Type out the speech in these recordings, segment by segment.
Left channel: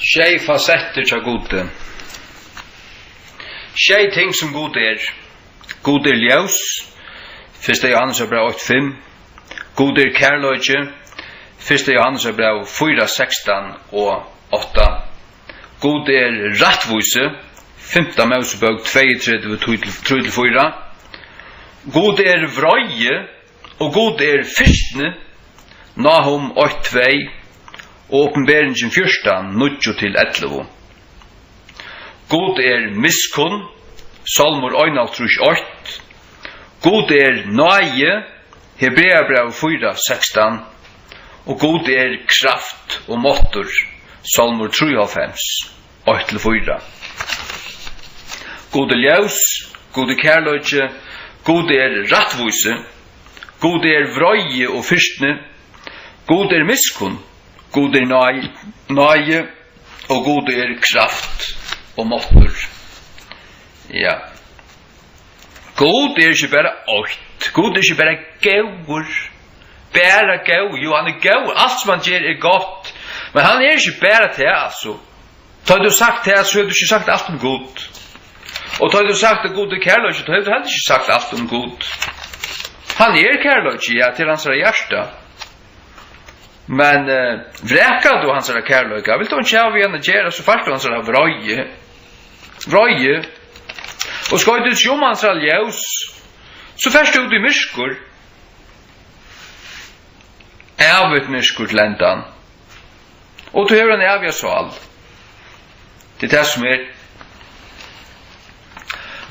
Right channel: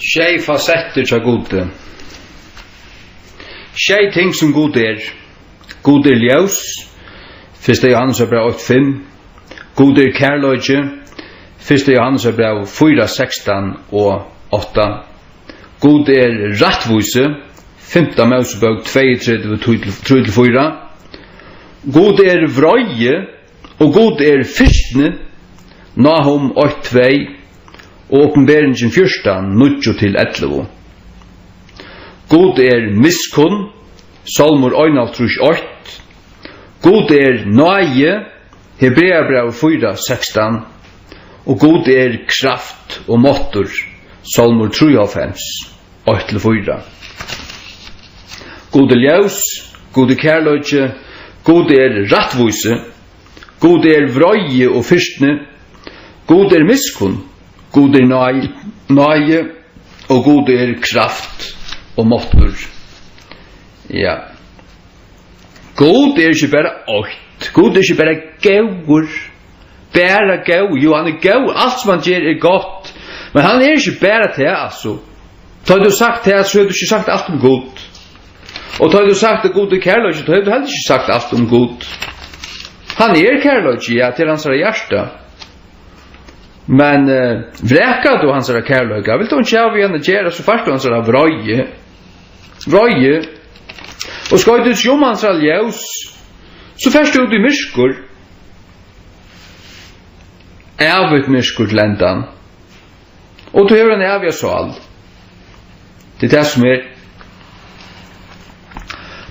Tjej facetter til gode. Tjej ting som gode er. Gode er ljus. 1. Johannes brev 8:5. Gode er kærløyge. 1. Johannes brev 4:16 og 8. Gode er rattvise. 5. Mosebok 32:3-4. Gode er vrøye. Og gode er fyrstne. Nahum 8:2. Og åpenberingen 14:9-11. God er miskunn, Salmur 1:8. God er nøye, Hebreabrev 4:16. Og god er kraft og måttur, Salmur 3:8-4. God er ljus, god er kærløyge, god er rattvise, god er vrøye og fyrstne, god er miskunn, god er nøye, og god er kraft og måttur. Ja. God er ikke bare åkt. God er ikke bare gauur. Bare gau. Jo, han er gau. Alt som han gjør er godt. Men han er ikke bare til, altså. Da du sagt det, så har du ikke sagt alt om god. Og da du sagt det god er kærløyge, så har du heller ikke sagt alt om god. Han er kærløyge, ja, til hans hjerte. Men vrekar du hans kærløyga, vil du ikke av igjen gjøre, så først du hans vrøye. Vrøye. Og skal du ikke om hans ljus, så først du ut i myrskur. Avut myrskur til endan. Og du hever en avia sal. Det er det som er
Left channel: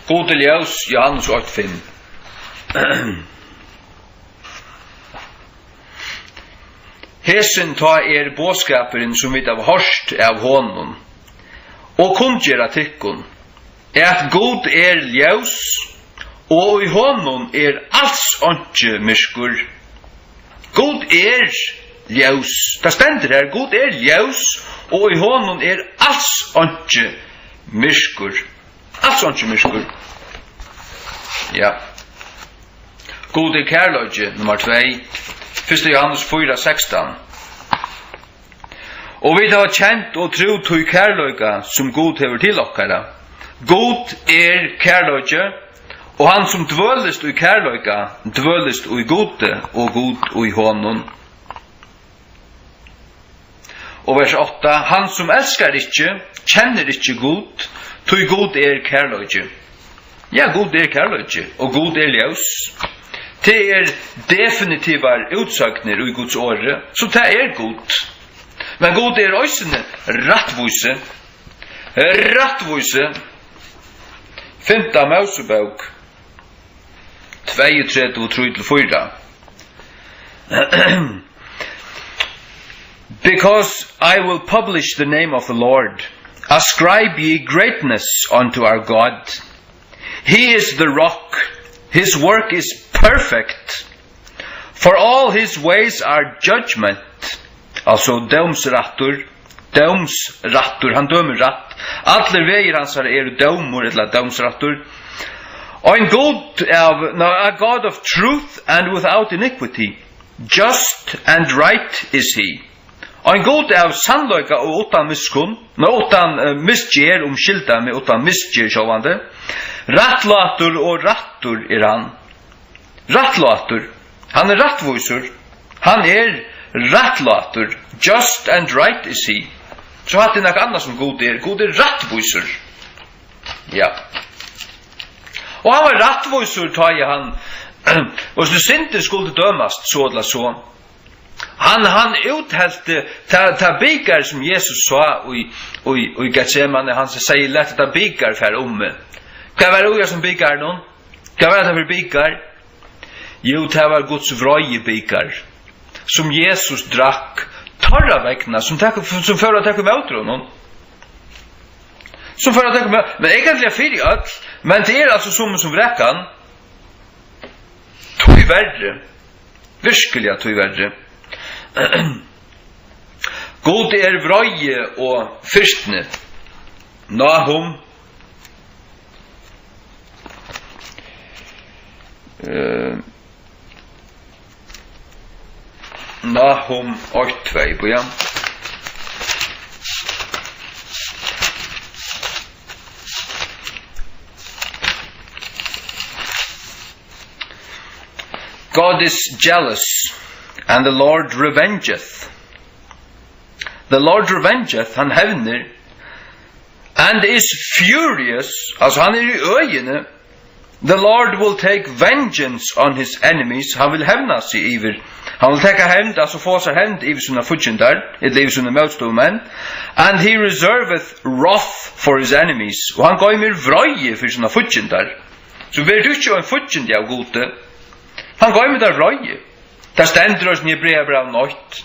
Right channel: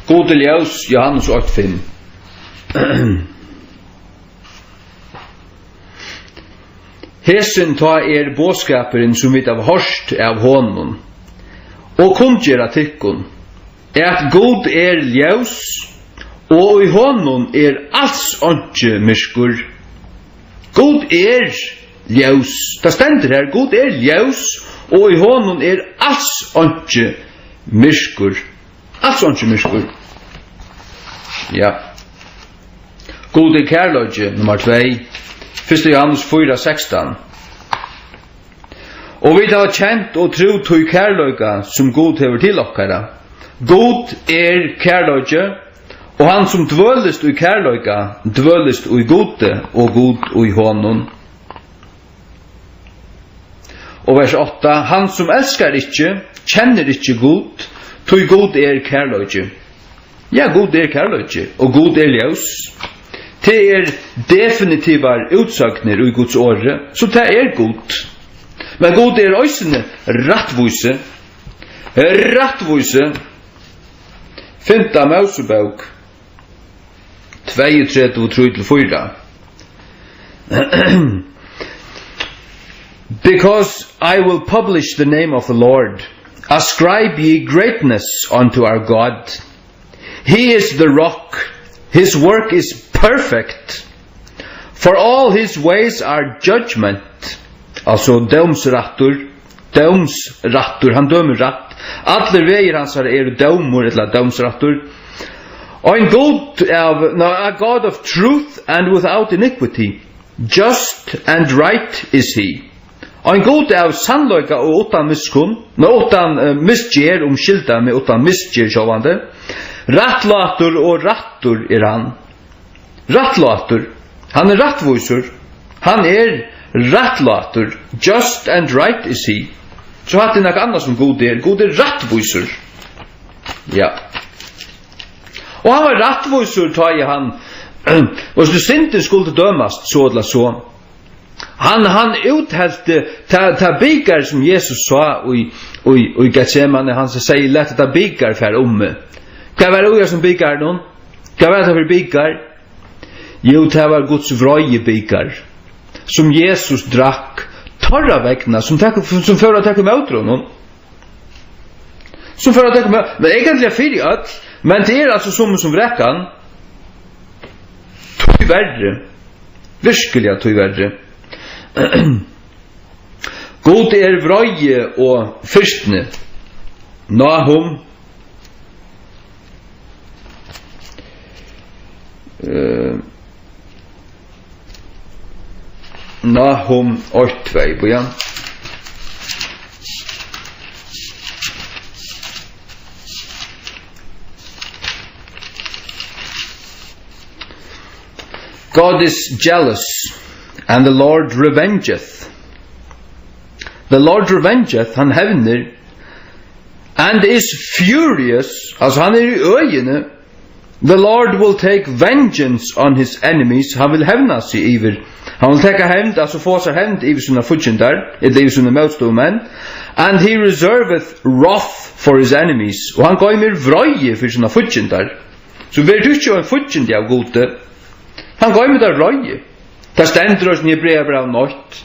gode ljus, Johannes 8:5. Hesen ta er båskaperen som vi har hørt av honom, og kundgjera tykkun, at god er ljus, og i honom er alls åndsje myrskur. God er ljus. Det stender her, god er ljus, og i honom er alls åndsje myrskur. Alls åndsje myrskur. Ja. God er kærløyge, nummer 2. 1. Johannes 4:16. Og vi har kjent og tro til kærløyga som God hever til okkara. God er kærløyge, og han som dvølest i kærløyga, dvølest i gode, og god i honom. Og vers 8. Han som elskar ikkje, kjenner ikkje god, til god er kærløyge. Ja, god er kærløyge, og god er ljus. Det er definitivar utsagner i Guds åre, så det er god. Men god er òsene rattvise. Rattvise. 5. Mosebok 32:3-4. Because I will publish the name of the Lord, ascribe ye greatness unto our God. He is the rock, his work is perfect, for all his ways are judgment. Altså dømsrattur, han dømer ratt. Alle veier hans er dømur, eller dømsrattur. Og en god a God of truth and without iniquity, just and right is he. Og en god av sannløyga og utan miskunn, utan misgjer, skilda med utan misgjer sjåvande. Rattlatur og rattur er han. Rattlatur. Han er rattvusur. Han er rattlatur. Just and right is he. Så hatt det nok annet som god er. God er rattvusur. Ja. Og han var rattvusur, tar jeg han. Hvis du synden skulle dømast, så eller så. Han uthelte ta byggar som Jesus sa i Getsemane. Han sier lett ta byggar for omme. Hva var det som byggar noen? Hva var det for byggar? Jo, det var Guds vrøye byggar, som Jesus drakk torra vegna, som fører å takke med utråden. Som fører å takke med, men egentlig fyrir alt, men det er altså som vrekkan, tog verre, virkelig tog verre. God er vrøye og fyrstne, Nahum, Nahum 8:2, ja. God is jealous, and the Lord revengeth. The Lord revengeth, han hevner, and is furious, altså han I øyene. The Lord will take vengeance on his enemies. Han vil hevna seg iver. Han vil teka hevnd, altså få seg hevnd iver sina fudgjendar, eller iver sina motståmenn. And he reserveth wrath for his enemies. Og han gøymer vrøye for sina fudgjendar. Så vi du ikke en fudgjendi av gode. Han gøymer der vrøye. Der stendur oss nye brev av nøyt.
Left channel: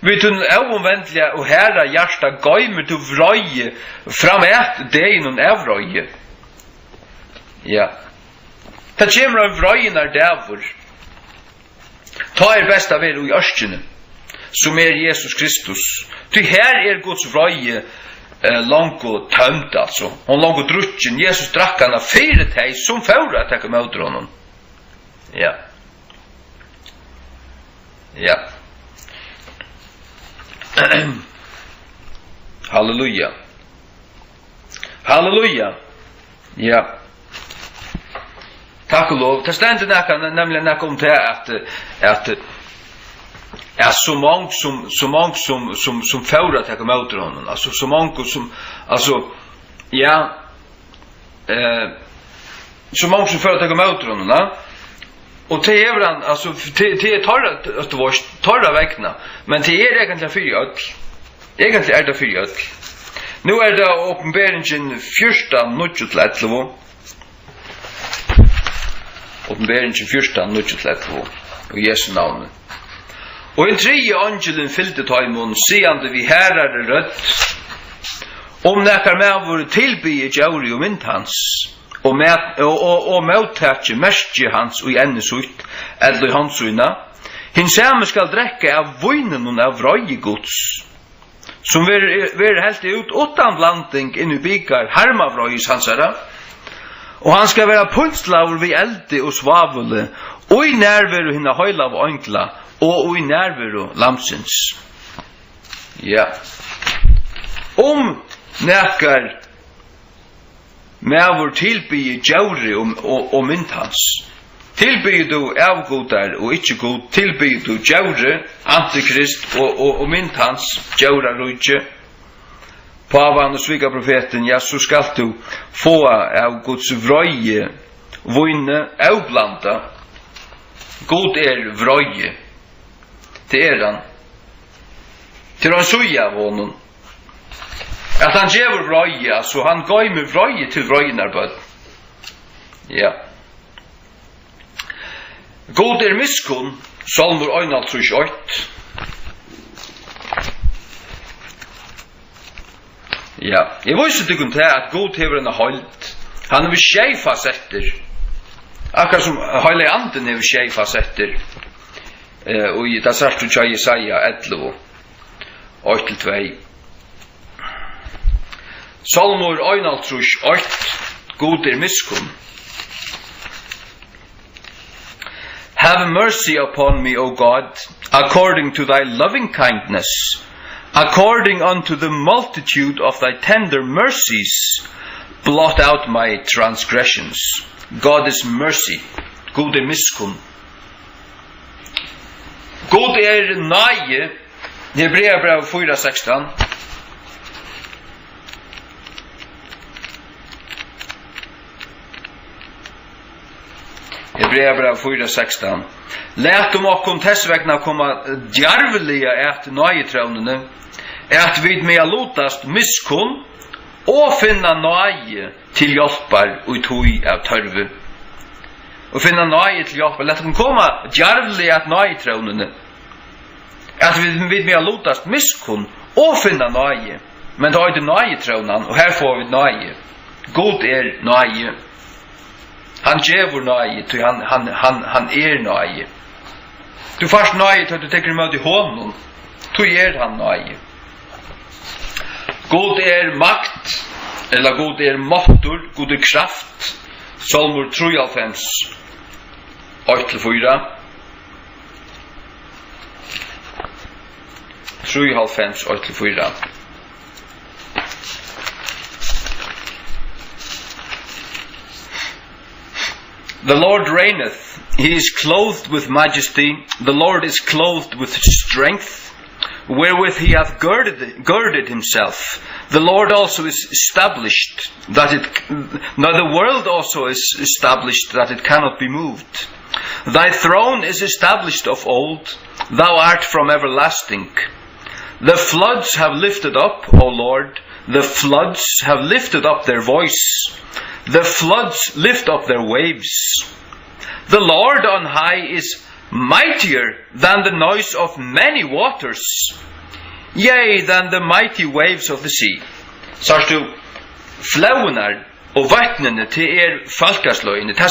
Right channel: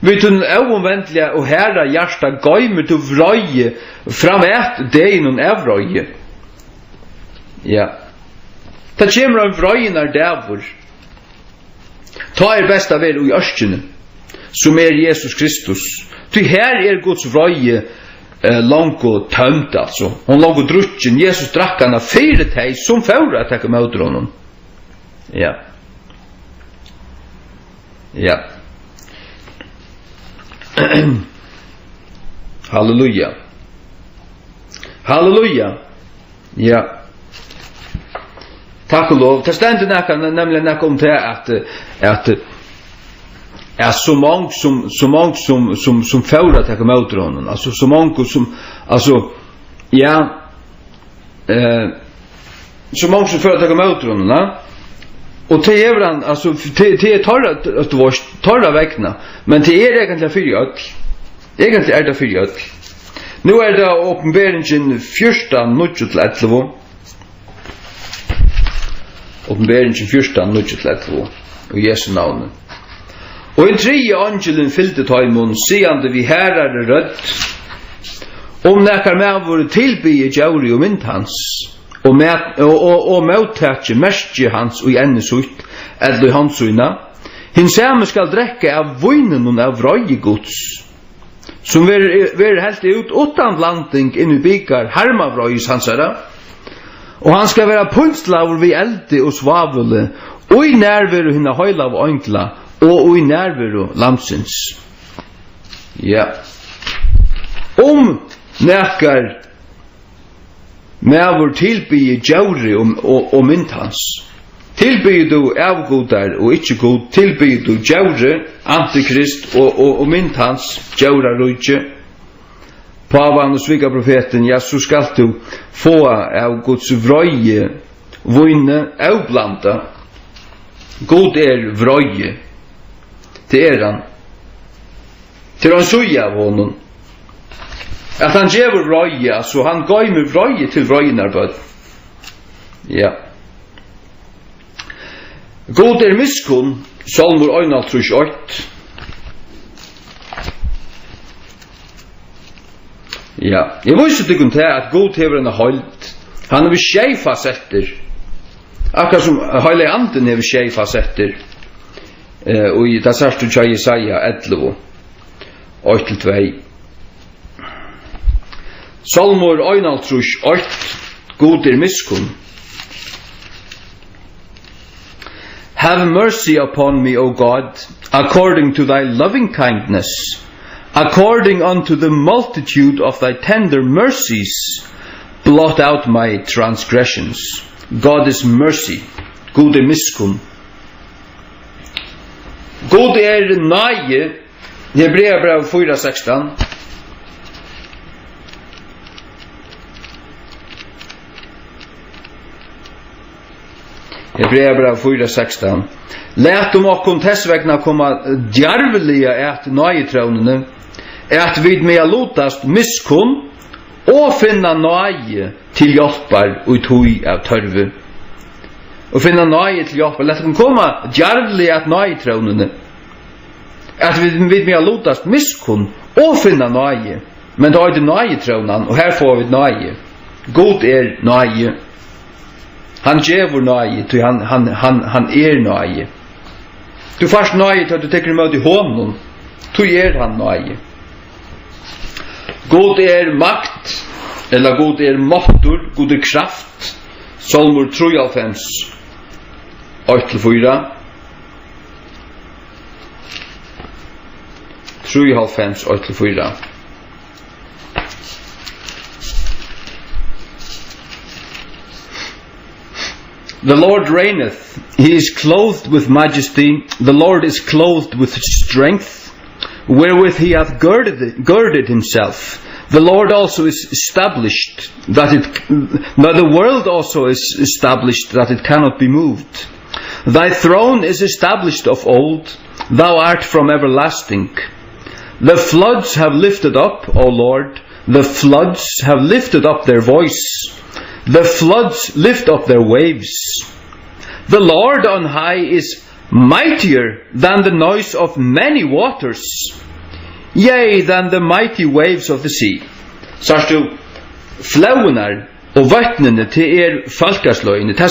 Vi tunn ovomvendlige og herra hjärsta gøymer du vrøye fram et deginun av vrøye. Ja. Det kommer av vrøyen dævor. Ta best av I ørskene, som Jesus Kristus. Ty her Guds vrøye langt og tømt, altså. Hon langt og drukken. Jesus drakk han av 4 teg som fører at jeg møter honom. Ja. Ja. Halleluja. Halleluja. Ja. Takk og lov. Det stender nemlig nekka om det at så mange som fører at jeg møter honom. Altså så mange som, altså, ja, så mange som fører at jeg møter honom, ja. Og til han, altså, til torra vekkene, men til egentlig fyrir ødel. Egentlig det fyrir ødel. Nå det åpenberingen 14:9-11. Åpenberingen 14:9-11. Og Jesu navnet. Og en tredje angelen fylte taimon, siande vi herrar rødt, om nekkar med våre tilbye djauri og mynd hans, og møttatje merskje hans og enne sutt, eller hans uina, hin samme skal drekke av vøynen av vrøyegods, som ver helt ut utan blanding inn I byggar herma vrøyes hansara, og han skal være punstlaver vi elde og svavule, og I nærveru hinna høyla av øngla, og I nærveru lamsins. Ja. Nekkar med vår tilbye djauri og mynd hans. Tilbye du avgodar og ikkje god, tilbye du djauri, antikrist og mynd hans, djaura rujtje. Pavan og svika profeten, ja, så skal du få av Guds vrøye, vøyne, avblanda. God vrøye. Det han. Til han suja av honom. At han gjever vrøye, så han gav med vrøye til vrøyenarbød. Ja. God miskunn, Salmur 1:8. Ja, jeg viser til til at God hever en holdt. Han har 6 fasetter. Akkurat som Heilig Anden hever 6 fasetter. Og i det sørste tja Jesaja 11, 8-2. Salmur 1:8. God miskunn. Have mercy upon me, O God, according to thy loving kindness, according unto the multitude of thy tender mercies, blot out my transgressions. God is mercy. God miskunn. God nøye. Hebreabrev 4:16. Hebreabrev 4:16. Læt okkom tess vegna koma djarvelige at nøyetrånene, at vid mea lotast miskunn, og finna nøye til hjelpar og tøy av tørve. Og finna nøye til hjelpar. Læt okkom koma djarvelige at nøyetrånene, at vid mea lotast miskunn, og finna nøye. Men da det nøyetrånan, og her får vi nøye. God nøye. Han djevor nøye, til han nøye. Du først nøye til at du tekker imot I hånden, til han nøye. God makt, eller god måttor, god kraft. Salmur 93, 8-4. 93, 8-4. The Lord reigneth, He is clothed with majesty, the Lord is clothed with strength, wherewith he hath girded himself. The Lord also is established, the world also is established, that it cannot be moved. Thy throne is established of old, thou art from everlasting. The floods have lifted up, O Lord, the floods have lifted up their voice. The floods lift up their waves. The Lord on high is mightier than the noise of many waters, yea, than the mighty waves of the sea. Sørst du, flaunar og vattnene til falkasløyene, det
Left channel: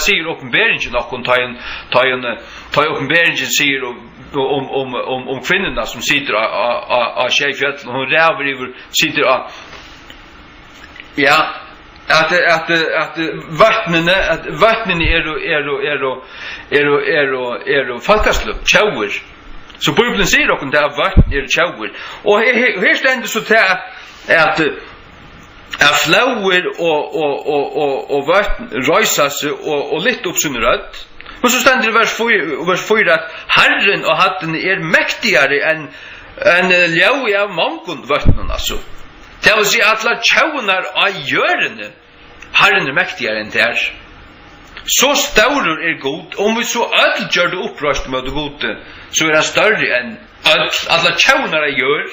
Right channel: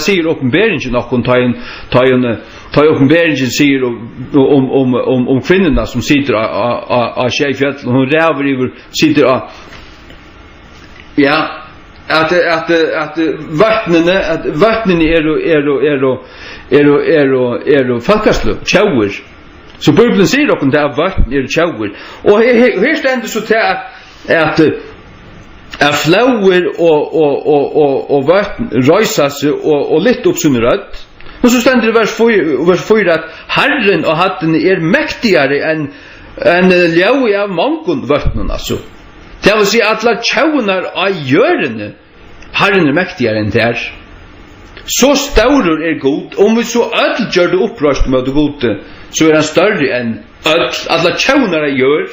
sier åpenberingen noen, ta åpenberingen sier om kvinnerna som sitter av Skjefjell, og hun ræver sitter av, ja, at vattnene falkasløy, tjauer. Så Bibelen sier dere til at vatten tjauer. Og her stender så til at flauer og vatten røyser seg og litt opp sin rødt. Men så stender det vers 4 at Herren og hatten mektigere enn ljau av mangon vatten, altså. Det vil si at la tjaunar av gjørende Herren mektigere enn det Så staurer god, om vi så ødel gjør det opprørst med det gode, så han større enn ødel, alle tjaunar gjør.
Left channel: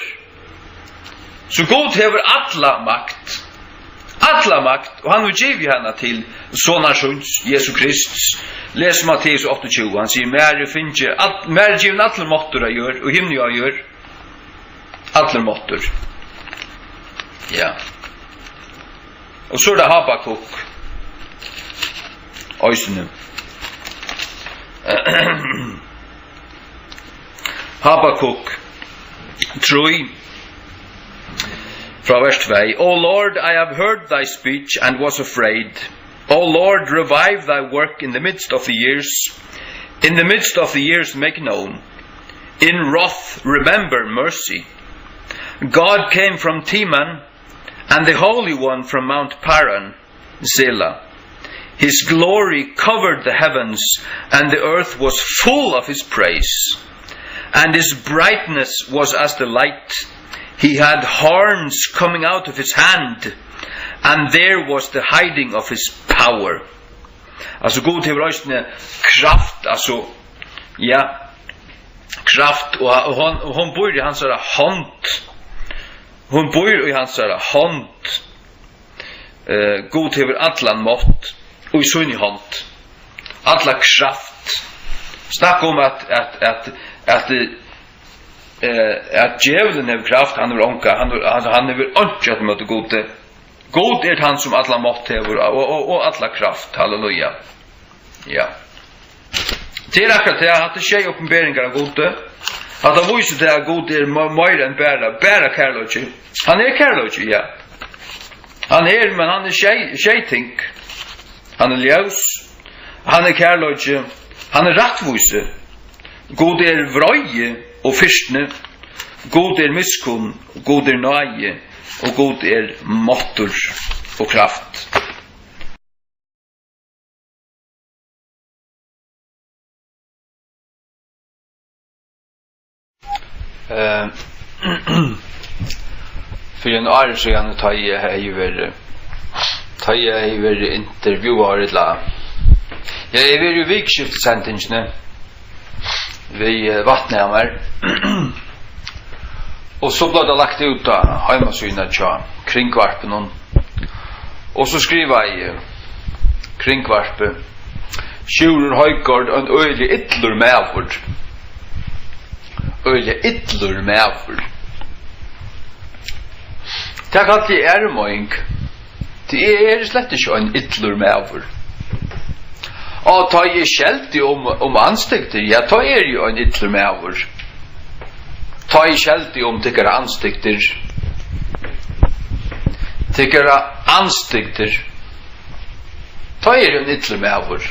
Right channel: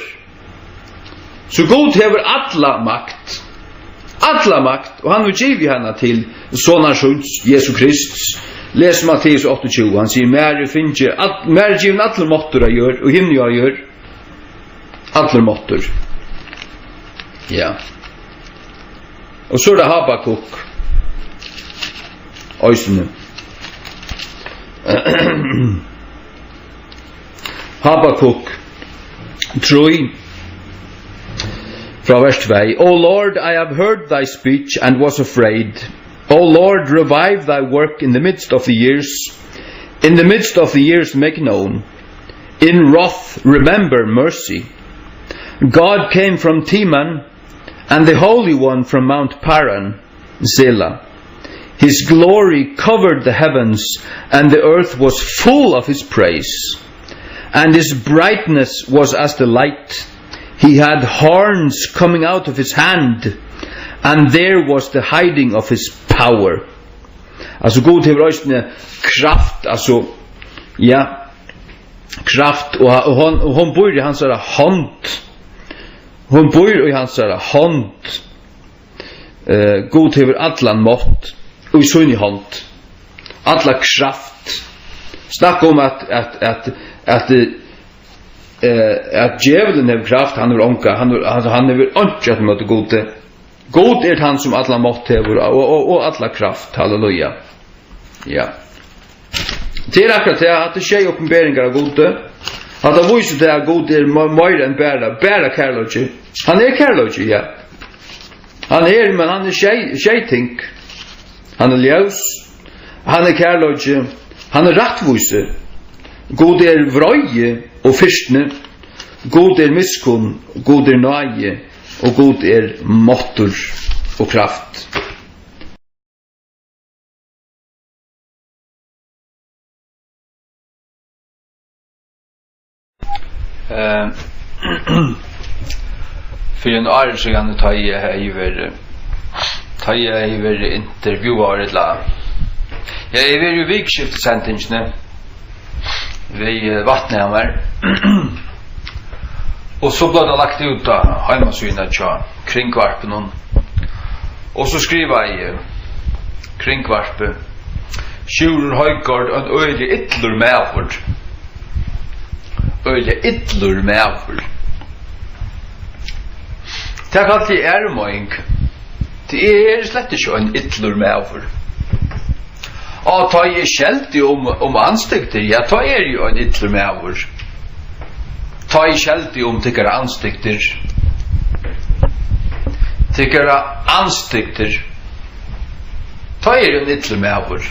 Så god hever alla makt, og han vil give henne til Sonarsons, Jesu Krist. Les Matteus 28, han sier, mer given alle måtter gjør, og himmel gjør, alle måtter. Ja. Og så det Habakuk, Øysene. Habakuk 3 fra vers 2. O Lord, I have heard thy speech and was afraid. O Lord, revive thy work in the midst of the years. In the midst of the years make known. In wrath remember mercy. God came from Teman, and the Holy One from Mount Paran, Selah. His glory covered the heavens, and the earth was full of his praise. And his brightness was as the light. He had horns coming out of his hand, and there was the hiding of his power. Altså god til røystene kraft, altså, ja, kraft, og hon bor i hans hånd. Hon bor i hans hånd. God til allan mått. Og i sunn i hånd. Alla kraft. Snakk om at djevelen har kraft, han har onka, han har onka at møte gode. God han som alla mått hever, og alla kraft. Halleluja. Ja. Til akkurat til at det skjer oppenberinger av gode, at det viser til at gode mer enn bæra kærløgje. Han kærløgje, ja. Men han skjeiting. Han ljøs, han kærløgje, han rattvise, god vrøye og fyrstne, god miskunn, god nøye, og god måttur og kraft. For en år siden tar jeg vært intervjuer et la. Jeg vært i vikskiftesendingsene ved Vatnhammer. Og så ble det lagt ut av heimasynet til kringkvarpen. Og så skriver jeg kringkvarpen Sjurur Høygård en øyelig ytler medvord. Øyelig ytler medvord. Det er kalt i ærmøyng. Det slett ikke en ytler medvord. Og ta jeg skjeldt om anstikter, ja, ta jo en ytler medvord. Ta jeg skjeldt om tikkere anstikter. Tikkere anstikter. Ta en ytler medvord.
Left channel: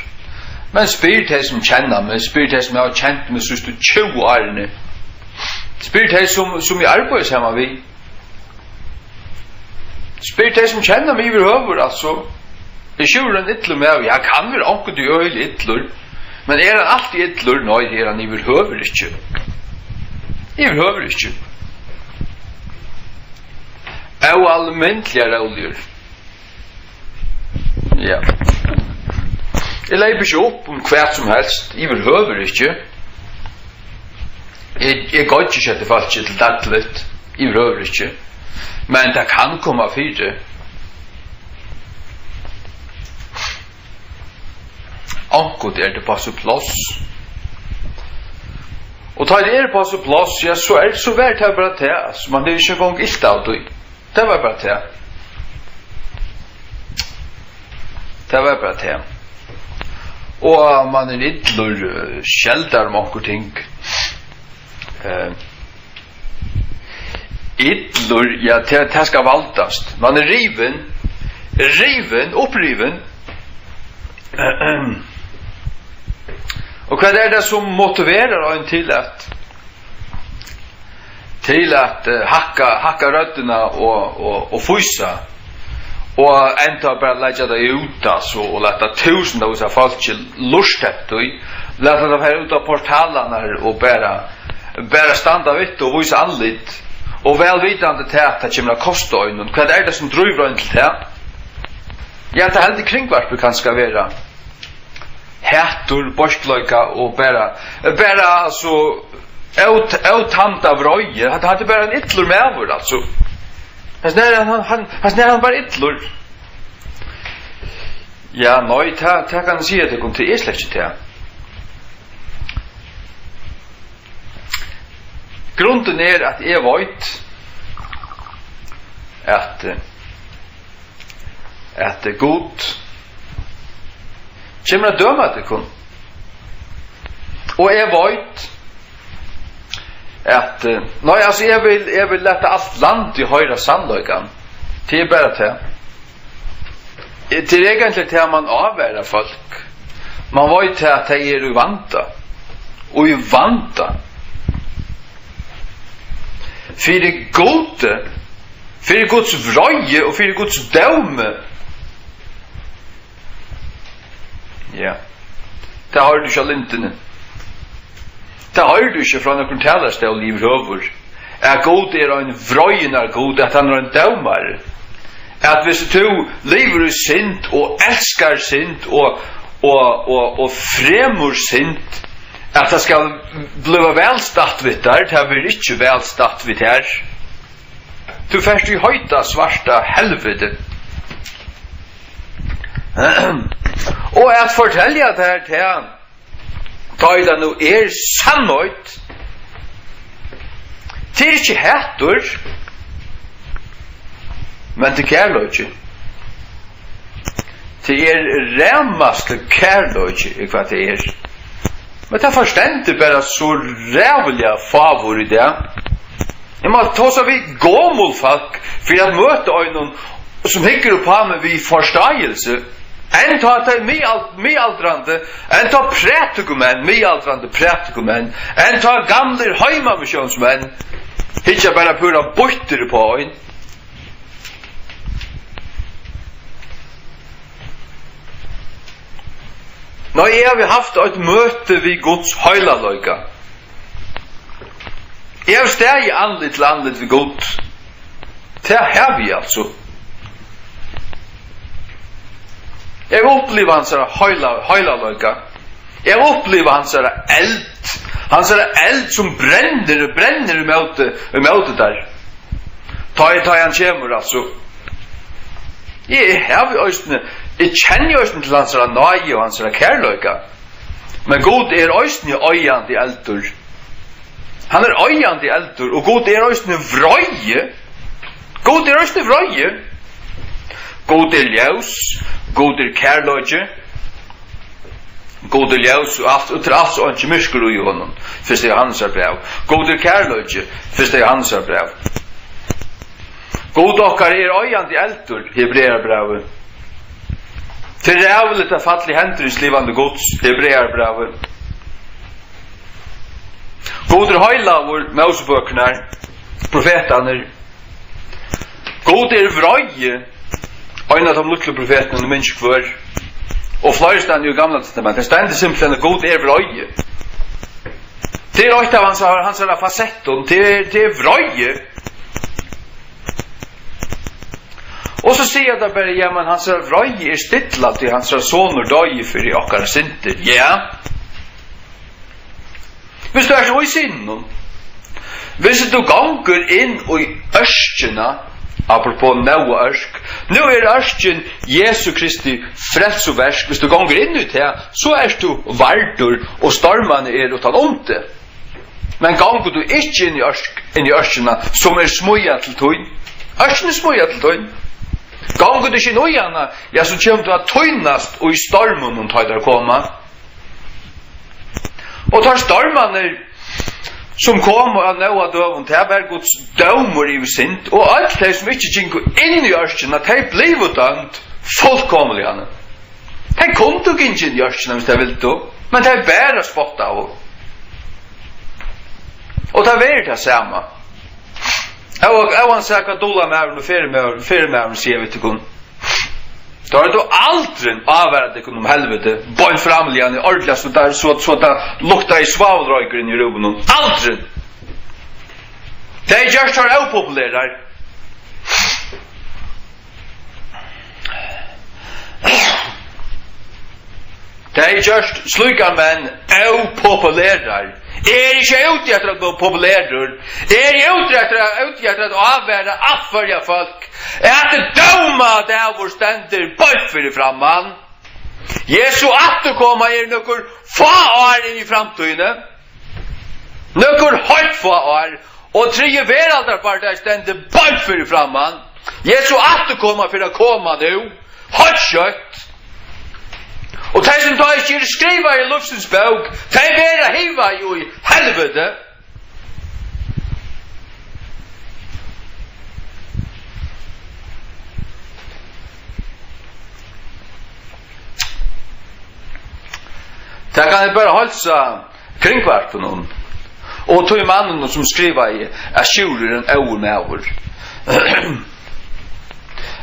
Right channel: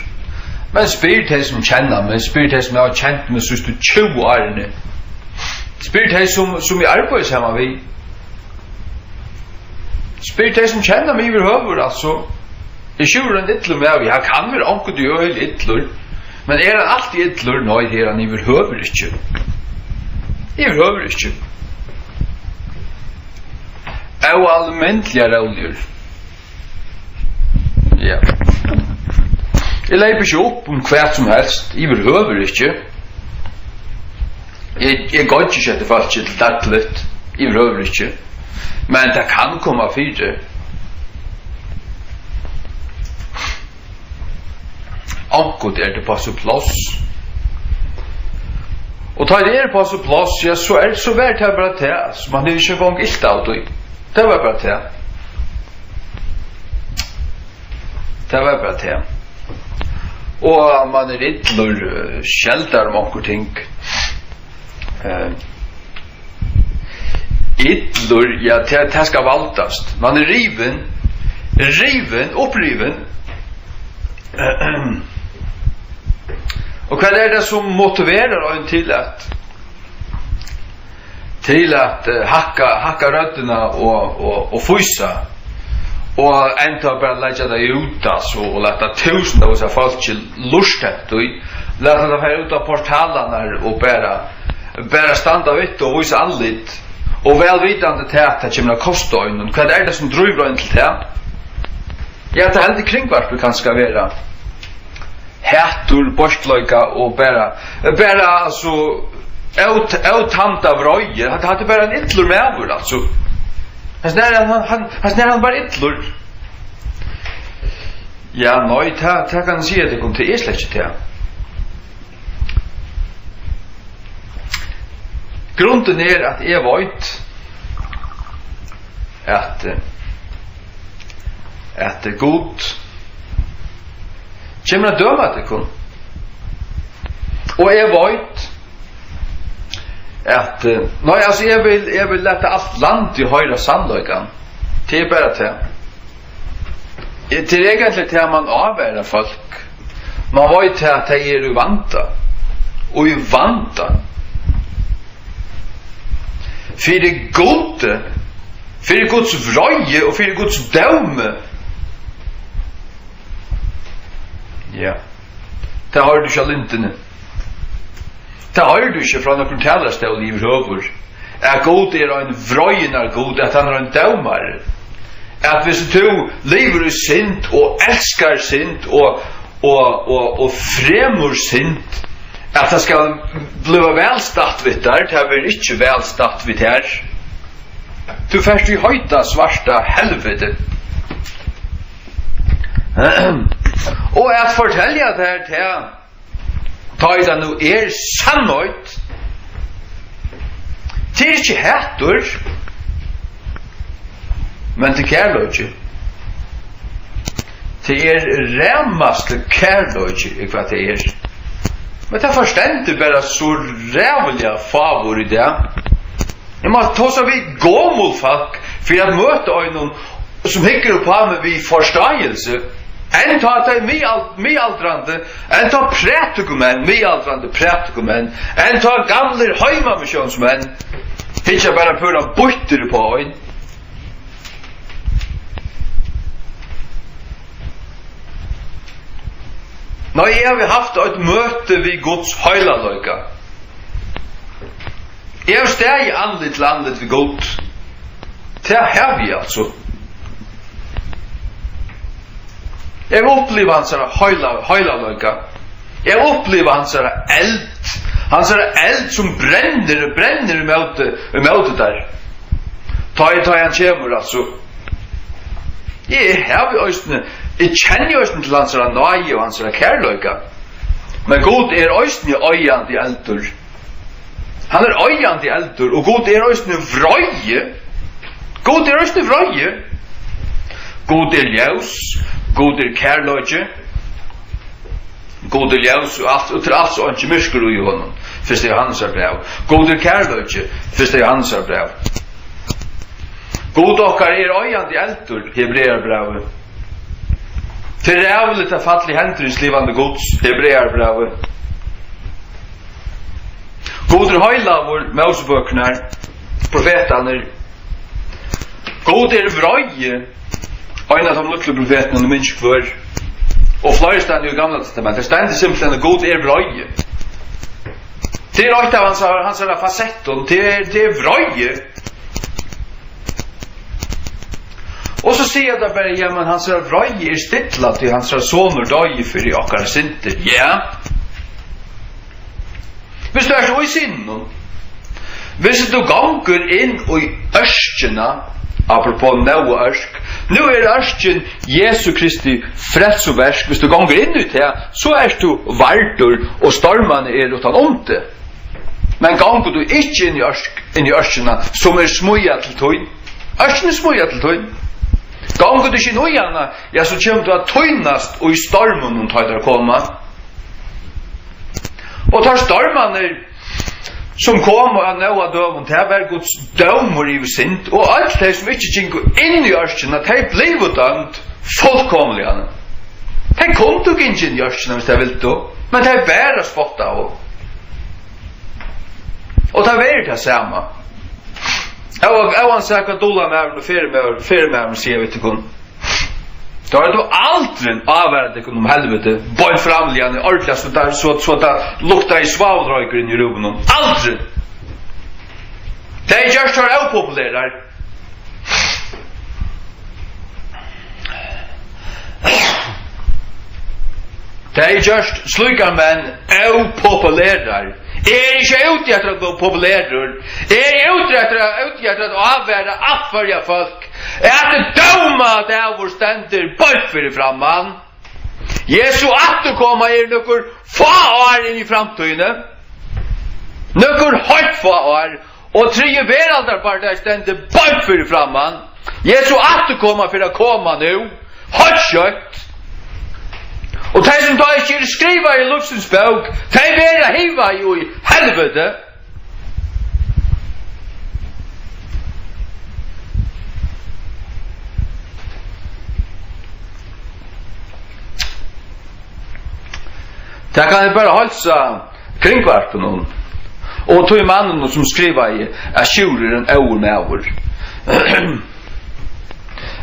Men spyr til som kjenner meg, spyr til som jeg har kjent meg siste 20 årene. Spyr til som jeg arbeider sammen vi. Spyr til som kjenner meg i høver, altså. är tjuren yttlur med vi. Han kan väl onko du öl yttlur. Men är han alltid yttlur? Nej, det är han överhuvud inte. Överhuvud inte. Och allmäntliga roller. Ja. Jag lever inte upp om kvart som helst. Överhuvud inte. Jag går inte att det fallet till dattligt. Överhuvud inte. Men det kan komma fyra. Ankot det på så plats. Och tar det på så plats, ja så så värt det bara det. Så man det inte gång ilt av det. Det var bara det. Det var bara det. Och man är ytterligare skäldar om onko ting. Ytterligare, ja det ska valtast. Man är uppriven. Och vad är det som motiverar en till att hacka rötterna och fysa och ända bara lägga det ut alltså och låta tusentals av folk lustet och låta det här ut av portalarna och bara standa vitt och visa anlit och välvidande till att det kommer att kosta ögonen. Vad är det som driver en till det? Ja, det helt kringvarp kan ska vara hätur, borstlöjka och bara alltså outamta vröjer. Han hade bara en yttlur med över alltså. Han bara yttlur. Ja, nej, det kan säga det kom till släkt till. Grunden är att jag vet att det god kommer att döma det kun. Och jag vet att nej alltså jag vill låta allt land i höra sannolikan. Det är bara det. Det är egentligen det man avvärar folk. Man vet att det är ju vanta. Och ju vanta. För det gode. För det Guds vröje och för det Guds döme. Ja. Det har du själv inte nu. Det har du inte från att fortälla sig och liv över. Att god är en vröjnar god, att han är en dömare. Att hvis du lever i synd och älskar synd och främur synd, att det ska bli välstatt vid där, det blir inte välstatt vid här. Du färst i höjta svarta helvete. Och att fortälja det här till ta i det nu sannolikt. Det är inte hätur. Men det kärlöjt. Det är rämmaste kärlöjt i vad det är. Men det förstår inte bara så rävliga favor i det. Jag måste ta så vid gåmålfolk för att möta någon som hickar upp på mig vid förståelse. En tar det medaldrande, en tar prättegumän, medaldrande prättegumän, en tar gamla heimamissionsmän, hickar bara pura bytter på en. När jag har haft ett möte vid Guds höjlalöjka. Jag har steg andligt landet vid Gud. Det har vi alltså. Jag upplever hans höjlalöjka. Jag upplever hans eld. Hans eld som bränner emot där. Ta han kommer alltså. Jag har ju jag känner ju inte till hans nöje och hans kärlöjka. Men God är östning öjande i eldur. Han är öjande i eldur. Och God är östning vröje. God är östning vröje. God är ljus. God är kärlöjke. God är ljus och allt och inte mysker i honom. Först är hans brev. God är kärlöjke. Först är hans brev. God okkar är öjande i eldur. Hebreerbrevet. Till rävligt att fall i händer i slivande Guds, Hebreerbrevet. God är höjla vår Moseböckerna, profeterna. God är vröje, en av de lukle profetene og minns kvar. Og flere steder i Gamla testamentet, det stender simpelthen god vrøye. Det ett av hans fasetten, det vrøye. Og så sier det bare, ja, men hans vrøye stilla til hans soner døye for i okkara synder. Ja. Hvis du så i sinnen, hvis du ganger inn i ørskjena, apropos nå ørsk, nå ørsken Jesu Kristi frelsoversk, hvis du ganger inn ut her, så du vardur, og stormene utan om det. Men ganger du ikke inn i ørskjena, som smuja til tøyn, ørskjen smuja til tøyn, ganger du ikke inn i henne, ja, så kommer du at tøynast, og i stormen hun tar koma. Og tar stormene som kom av noa døven, det var Guds dømer i sint, og alt de som ikke gikk inn i ørskjena, de ble dømt fullkomlig. De kom ikke inn i ørskjena hvis de ville, men de bare spott av. Og det var det samme. Jeg var sikkert dola med og fire med og sier vi til kun. Da du aldri avværet deg om helvete, bøyn framligan i ordentlig, så det lukta i svavelrøyker inn i rummen. Aldri! Det just her upopulære. Det just slukar menn upopulære. Ikke ute etter å gå populærer. Ute etter å avvære afferja folk. Det døma det hvor stender bøyfer i framman. Jesu atterkomma nokkur få år inn i framtøyene. Nokkur høyt få år. Og tredje veraldar bare der stender bøyfer i framman. Jesu atterkomma for å komme nu. Høyt kjøtt. Og de som da ikke skriver i luftens bøk, de vera hiva jo i helvete. Det kan jeg bare halsa kringkvart på noen. Og tog mannen som skriver i sjúrer en år med år.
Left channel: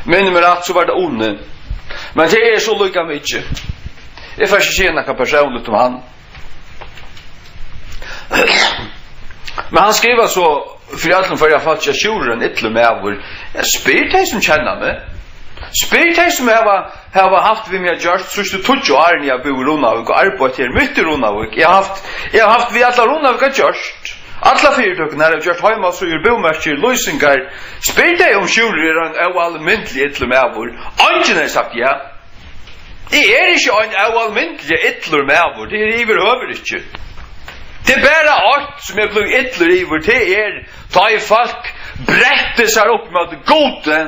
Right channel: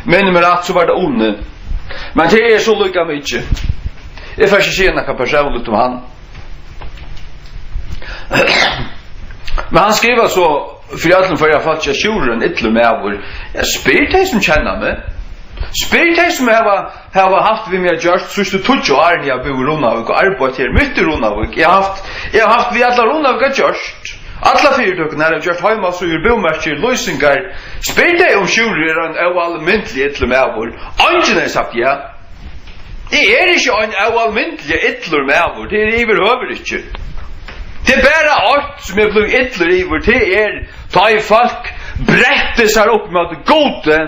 Men med at så var det onde. Men det så lykka mykje. Jeg får ikke si noe personligt om han. Men han skriver så, for alle for jeg falt ikke sjúren ytterlig med over. Jeg spyr de som kjenner meg. Spyr de som har haft vi med gjørst, så du tog jo årene jeg bor i Ronavik og arbeid her, midt i Ronavik. Jeg har haft vi alle Ronavik har gjørst. Alle fyrtøkene her har gjørst heima, så gjør bomerker, løysingar. Spyr de om sjúren er almindelig ytterlig med over. Angen har sagt ja. Det ikke en almindelig ytler med over, det iverhøver ikke. Det bare alt som blevet ytler iver, det ta i folk brette seg opp med det gode,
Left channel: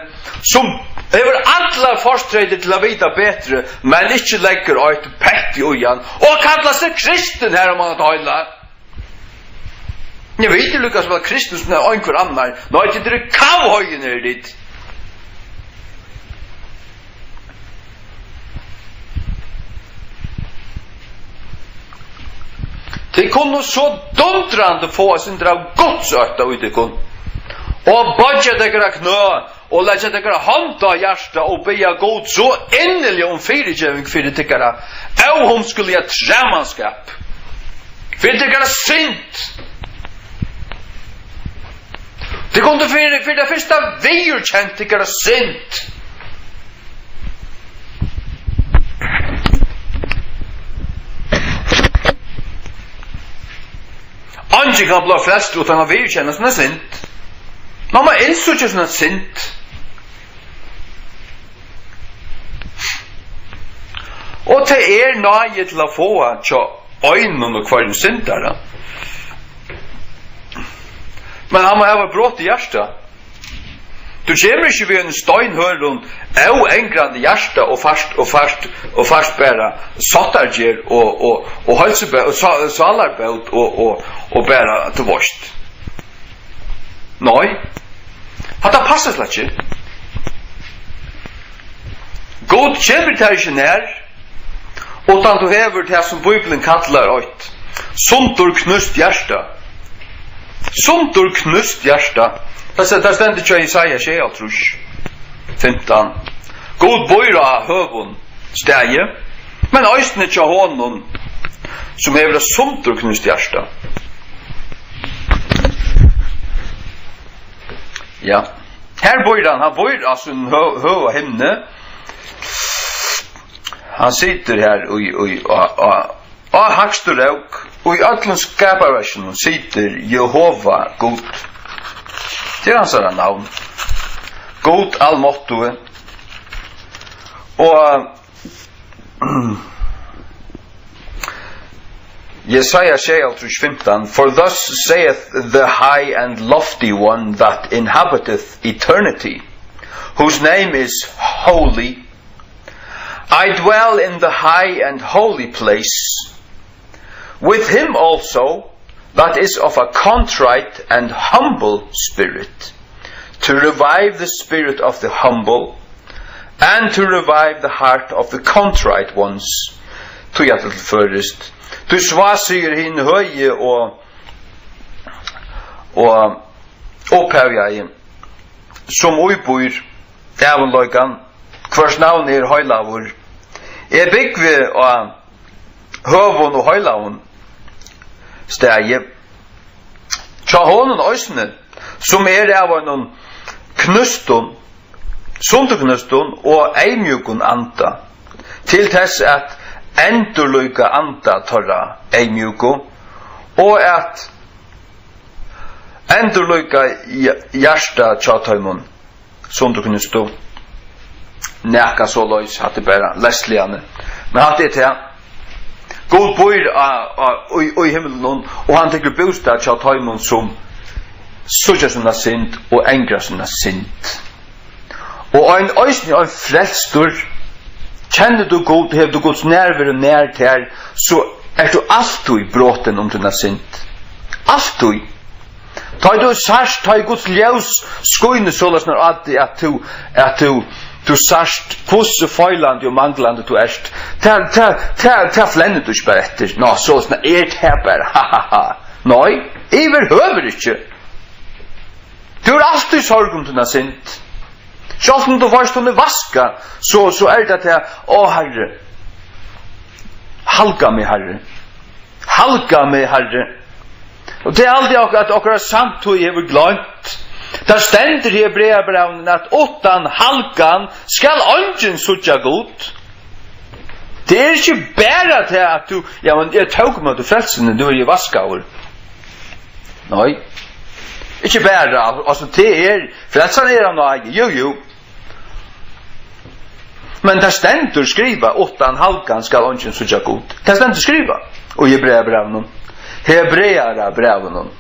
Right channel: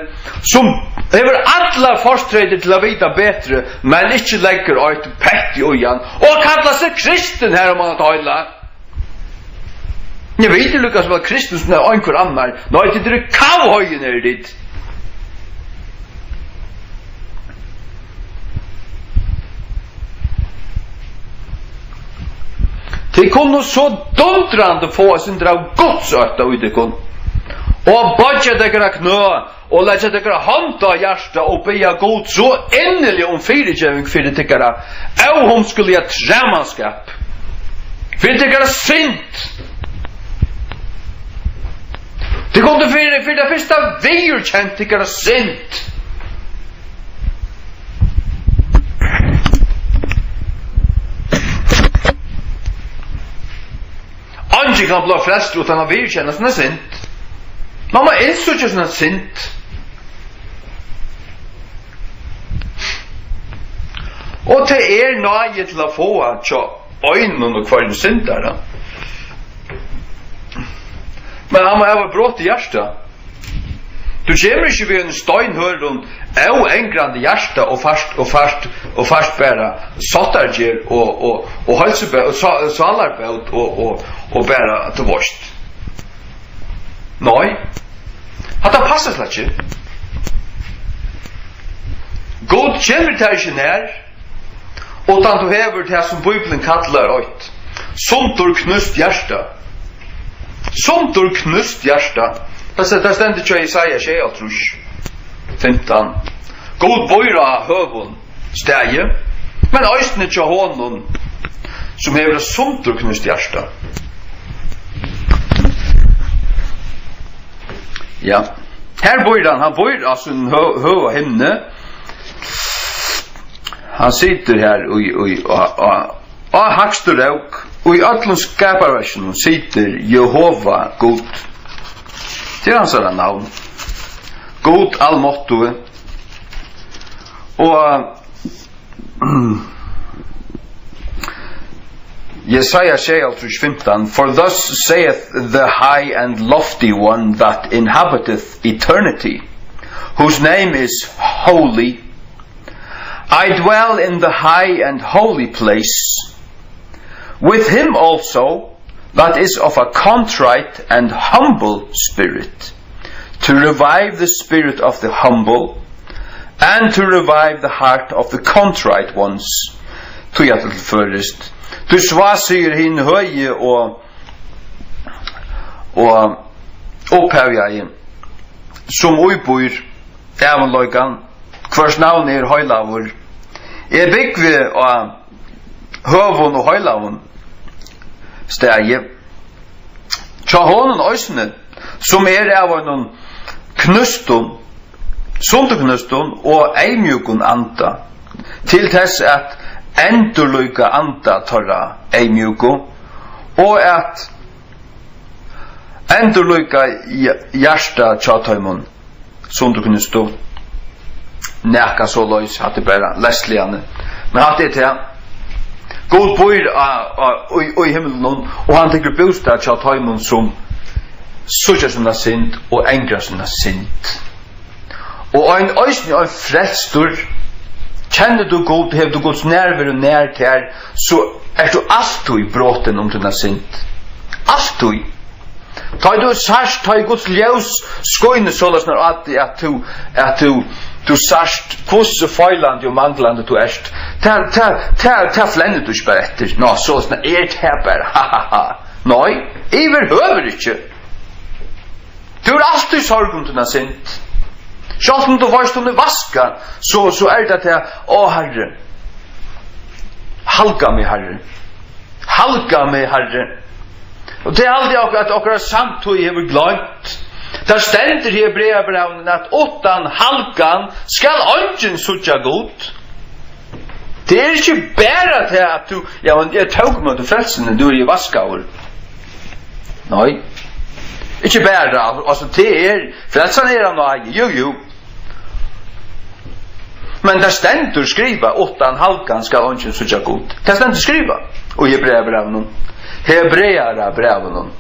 som hever alle forstredet til å vite bedre, men ikke legger et pett i øyen, og kallar seg kristen her om man har tøylet. Jeg vet ikke lukket som at kristen som er en hver annar, nå er det kavhøyen er ditt. De kunne så dundrande få sin drav godsøtta ut i kun. Og badja dekara knø, og letja dekara handa hjärsta, og beja god så endelig om fyrirgjøving fyrir dekara, og hon skulle ha tremanskap. Fyrir dekara sint. De kunne fyrir det første virkjent dekara sint. Anki kan bli frelst utan å virkjenne som er sint. Man må innsøke som er sint. Og det nøye til å få tja øynene og hver syndere. Men han må ha brått i hjertet. Du kommer ikke ved en steinhøren og engrande hjerte og fast bæra sattargjer og halsebæt og salarbæt og bæra til vorst. Nei, hatt det passer slett ikke. God kommer til ikke nær, utan du hever det som Bibelen kallar åt sundur knust hjärsta. Sundur knust hjärsta. Det stender ikke i Isaiah 15. God boira høvun stegi, men øysne tja honom som hever sumtruknust hjärsta. Ja, her boir han boir altså en høv himne. Han sitter her og hakstur rauk, og i öllum skaparversen sitter Jehova God. Det hans navn. God allmåttue. Og Jesaja 6:15, for thus saith the high and lofty one that inhabiteth eternity, whose name is holy. I dwell in the high and holy place, with him also that is of a contrite and humble spirit, to revive the spirit of the humble, and to revive the heart of the contrite ones. Tog jeg til først. Du svasier hin høye og opphevjei, som uibor evanløygan, hvers navn høylavur. Jeg byggve av høvun og høylavun stegi. Tja honon øysene, som av noen knustun, sunduknustun og eimjukun anda, til tess at endurløyka anda torra eimjuku, og at endurløyka hjärsta tjatøymun sunduknustu. Nekka så løys hatt det bare lestligane. Men hatt det til God bor i himmelen, og han tenker bostad tjatøymun som sutja sinna synd og engra sinna synd. Og ein øysni ein frelstur, kjenner du God, hev du Guds nærvær og nær til her, så du alltid bråten om dina synd. Alltid. Ta du sørst, ta Guds ljus skoine sålas når at du sørst hvordan feilande og manglande du erst. Ta flennet du ikke bare etter. Nå, sånn det her bare. Ha. Nei, iver høver ikke. Du har alltid sorg om dina synd. Sjálf om du varst om du vaska, så det til, Herre, halga meg, Herre. Halga meg, Herre. Og det aldri at okra samt og hever glant. Der stender i Hebreabrevnen at åttan halgan skal ongen sutja god. Det ikke bare til at du, men jeg tåg meg til frelsene du i vaskaur. Nei. Ikke bare, altså det frelsene han og eie, jo. Men der stendur skriva, åttan halkan skal ongen sutja god. Der stendur skriva, og Hebreabrevnen. Hebreabrevnen.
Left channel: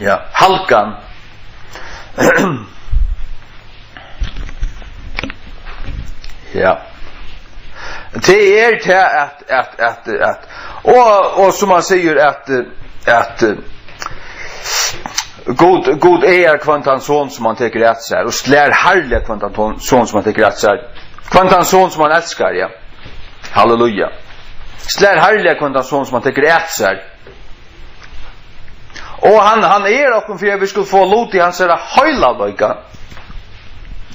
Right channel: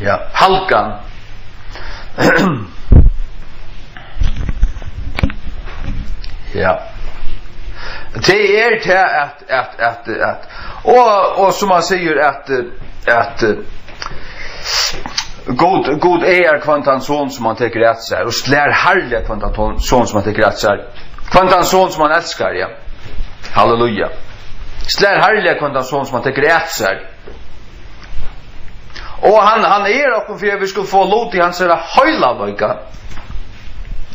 Ja, halkan. Ja. Det til at og som man sier at God kvantan son som han teker rett seg, og slær herlig kvantan son som han teker rett seg. Kvantan son som han elskar, ja. Halleluja. Slær herlig kvantan son som han teker rett seg. Og han okkur for vi skulle få lot i hans høylavøyga.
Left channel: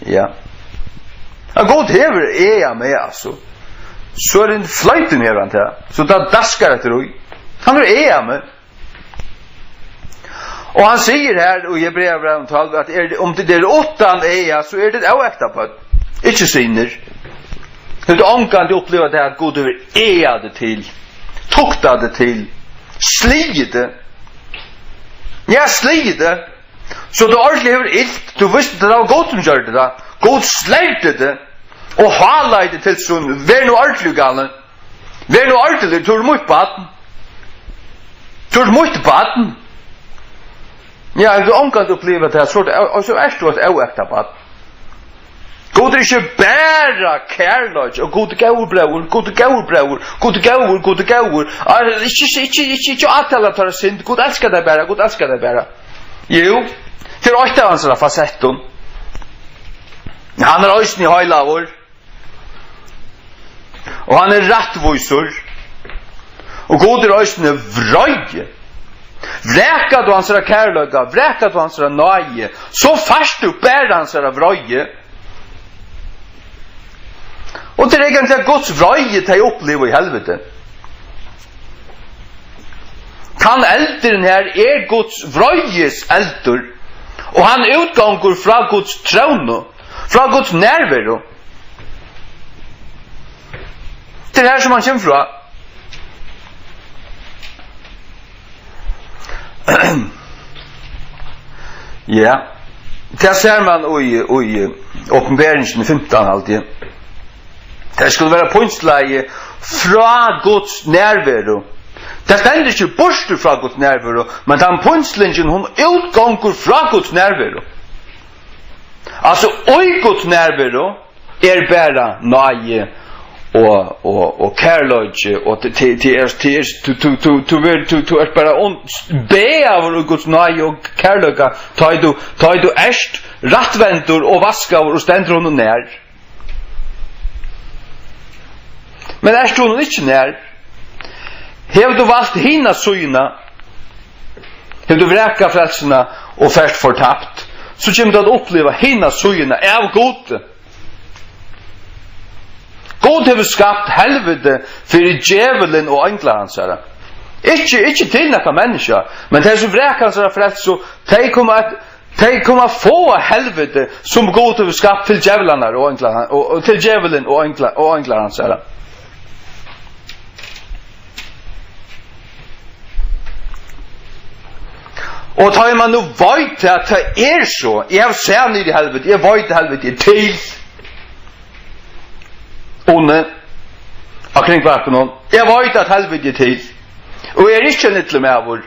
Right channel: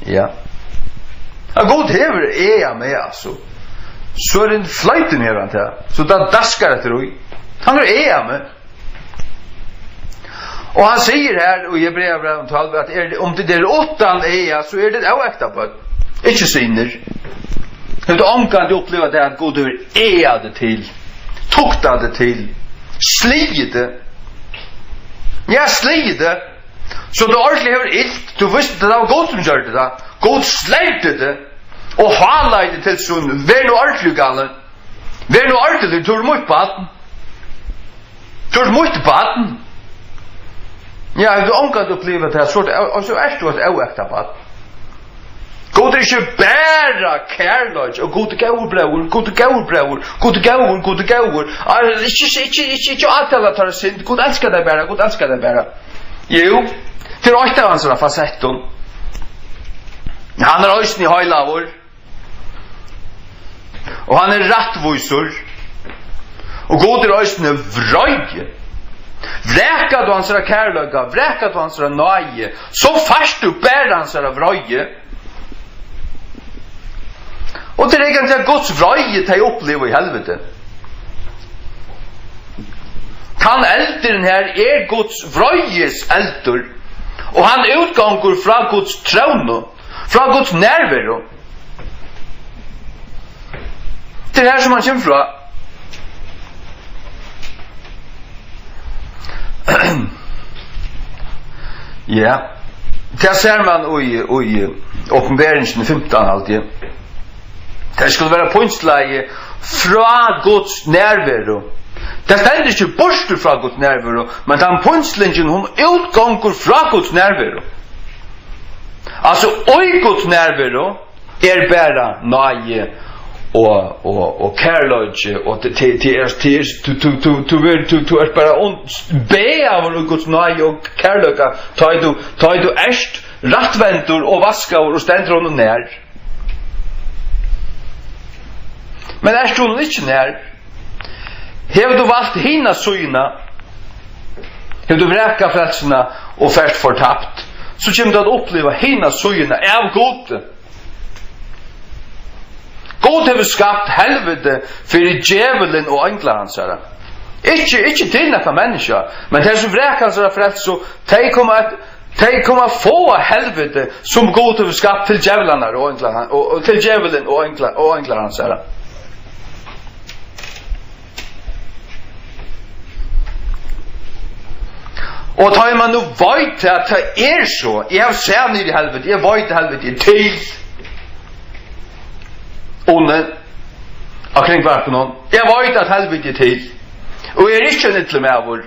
Ja. God hever med, altså. Så det en fløyten hever han til. Så da daskar etter ui. Han med. Og han sier her, og i Hebreabrevnen 12, at om det åttan så det avekta på. Ikke sinner. Du omkant oppleva det at God hever det til. Tukta det til. Slige det. Ja, slige det. Så du ordentlig hever ilt. Du visste det var God som gjør det da. God sleite det. Og hala det til sånn. Vær noe ordentlig galen. Vær noe ordentlig. Du mot baden. Du mot baden. Ja, du omkant oppleva det så du et avekta baden. God ikke bæra kærløg, og god gaubrauer, god gaubrauer, god gauer, god gauer. Ikke atala tar synd, god elskar deg bæra, god elskar deg bæra. Jo, til åtta av hans fasetten. Han øysen i høylavur, og han rattvusur, og god øysen vrøy. Vräka du hans kärlöga, vräka du hans nöje, så fast du bär hans vröje. Och det är egentligen Guds vröje till att uppleva i helvete. Han elderen här är Guds vröjes elder. Och han utgångur från Guds tron, från Guds närvaro. Det är det här som han kommer från. Ja, det ser man i Åpenbaringen 15 alltid. Det skulle vara pointsläge från Guds närvaro. Det ständer inte bort från Guds närvaro, men den pointslingen hon utgångur från Guds närvaro. Alltså, oj Guds närvaro är bara nöje och kärlöje och till är bara be av Guds nöje och kärlöga ta du erst rättvändor och vaskar och ständer honom när. Men erst honom inte när. Hev du valt hina syna, hev du vräka frälsarna och färst fortapt, så kommer du att uppleva hina syna av god. God hever skapt helvete för djävulen och änglar hans herre. Ikke till några människa, men de som vräka hans herre frälst, så de kommer få helvete som God hever skapt till djävularna och änglar, och till djävulen och änglar hans herre. Och tar man nu vet att det är så, jag har sett ner i helvete, jag vet helvete till onne akring varken någon. Jag vet att helvete till. Och jag är inte nyttlig med vår.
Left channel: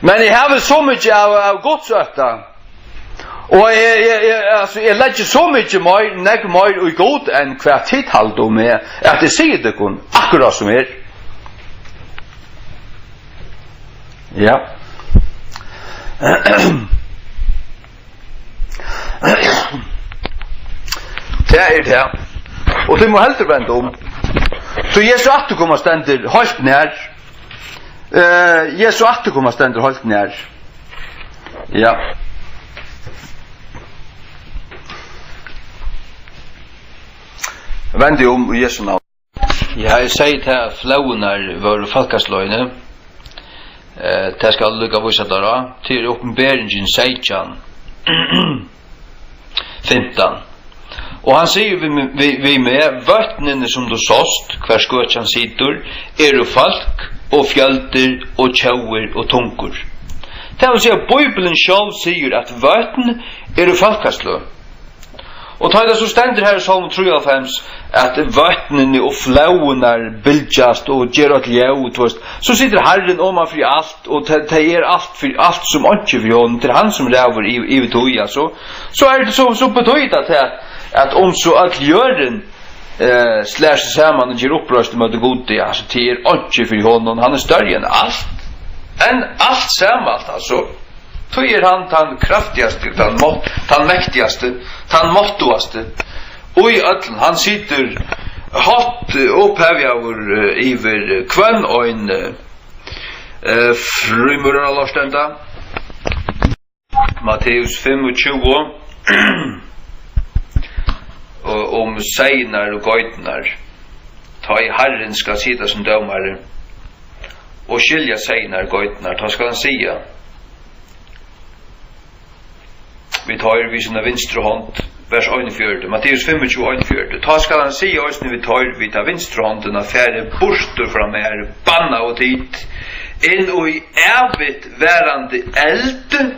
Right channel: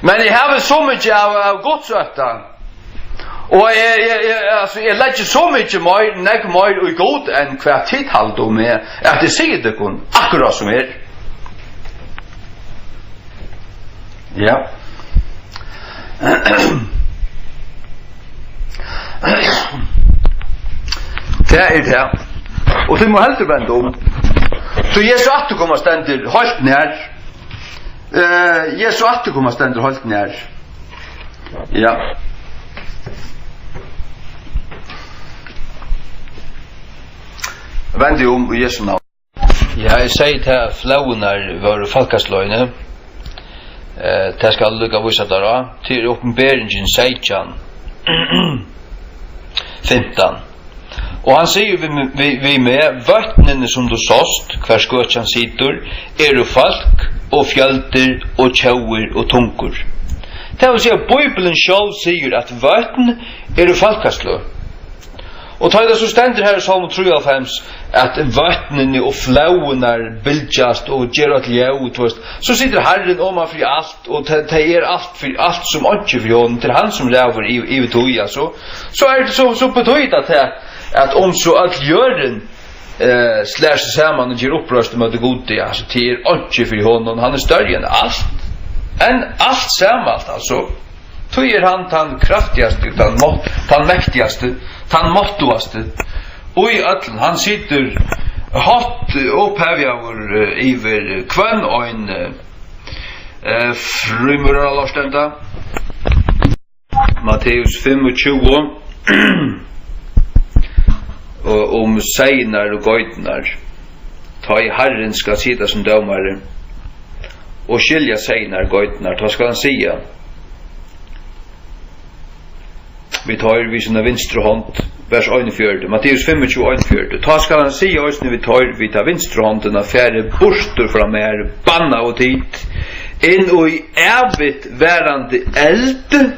Men jag har väl så mycket av godsöta. Och jag lägger så mycket mer och god än kvart tidhalt om med att det säger det kun akkurat som är. Ja. Det är det. Och det må helt vända om. Så Jesu återkomma ständer halt nær. Jesu återkomma ständer halt nær. Ja. Vänd om Jesu navn. Ja, jeg sier til flaunar var falkasløyne. Det skal lukka visa dara til Åpenbaringen 16 15. Og han sier vi med vattnene som du såst, hver skøtjan sitter, jo folk og fjölder og tjauer og tunkur. Det vil si at Bibelen selv sier at vattn jo falkasløy. Og ta det så stender her i Salm 93 at vattnene og flaunar bildjast og gjør at ljøt, så sitter Herren oman for alt, og det alt som ikke for hånden, til han som lever i tøya, så det så betøyt at om så alt gjøren slår seg sammen og gjør opprørst med det gode, altså det ikke for hånden, han større enn alt sammen, altså. Tøy han tan kraftigaste, tan mäktigaste, tan måttoaste. Og i ötlen, han sitter hatt opphevjaver iver kvann og en frumurra lorstenda. Matteus 25 om seinar og gøytnar. Ta i Herren skal sitta som dømare og skilja seinar og gøytnar. Ta skal han sia. Vi tar vi sina vinstre hånd, vers 1,4, Matteus 25, 1,4. Ta skal han si oss når vi tar vinstre hånden av færre borster fra mer, banna og tid, inn og i evigt værende eld,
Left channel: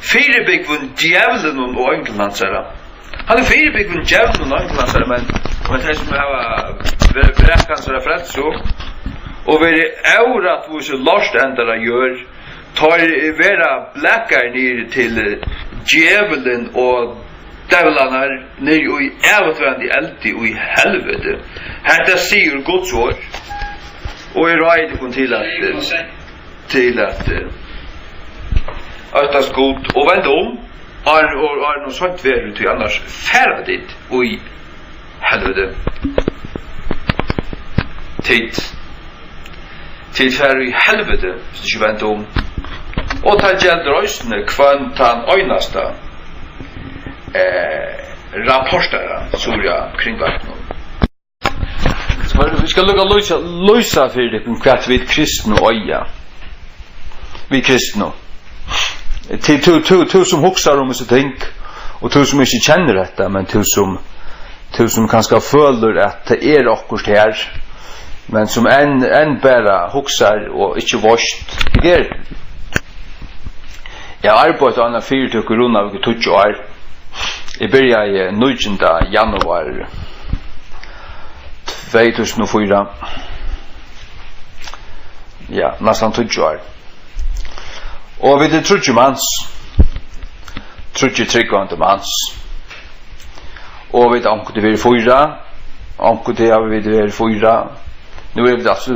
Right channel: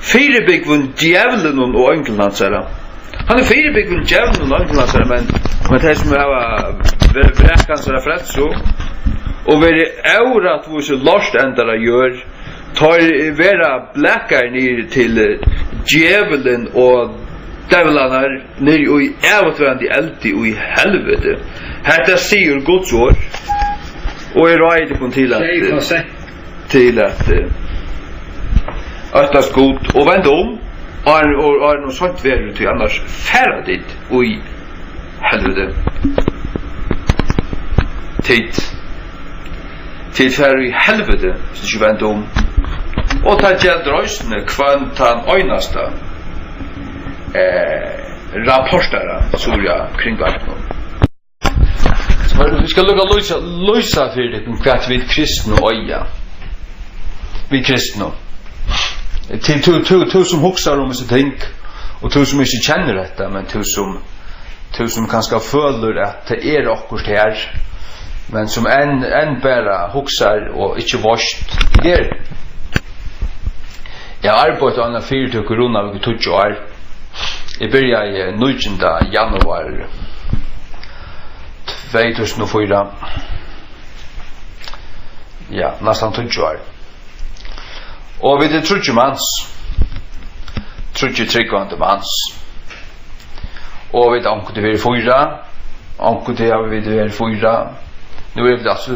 firebyggvun djevelen og ønkelnansere. Han firebyggvun djevelen og ønkelnansere, men det som har brekkansere frelst så, og være eurat hvor så lorst endere gjør, tar vera blackar ner till djävulen och djävlarna ner i äventrande eld och i helvete. Detta säger Guds ord. Och är rädd på till att öttas god och vänd om och något sånt väder till annars färdigt och i helvete. Tid. til færre i helvete, hvis det ikke venter om. Og ta gjelder øysene kvant han øyneste rapportere Soria kring verden. Så vi skal lukke løse for det hva vi kristne øye. Vi kristne. Til som hokser om disse ting, og til som ikke kjenner dette, men til som kanskje føler at det akkurat her, men som enn bare hokser og ikke vorst. Jeg har arbeidet av en 4 korona ved 20 år. Jeg begynte i 9. januar 2004. Ja, nesten 20 år. Og vi er 30 manns. 30 tryggvande manns. Og vi er anket til vi er 4. Anket til vi er 4. Nå er vi altså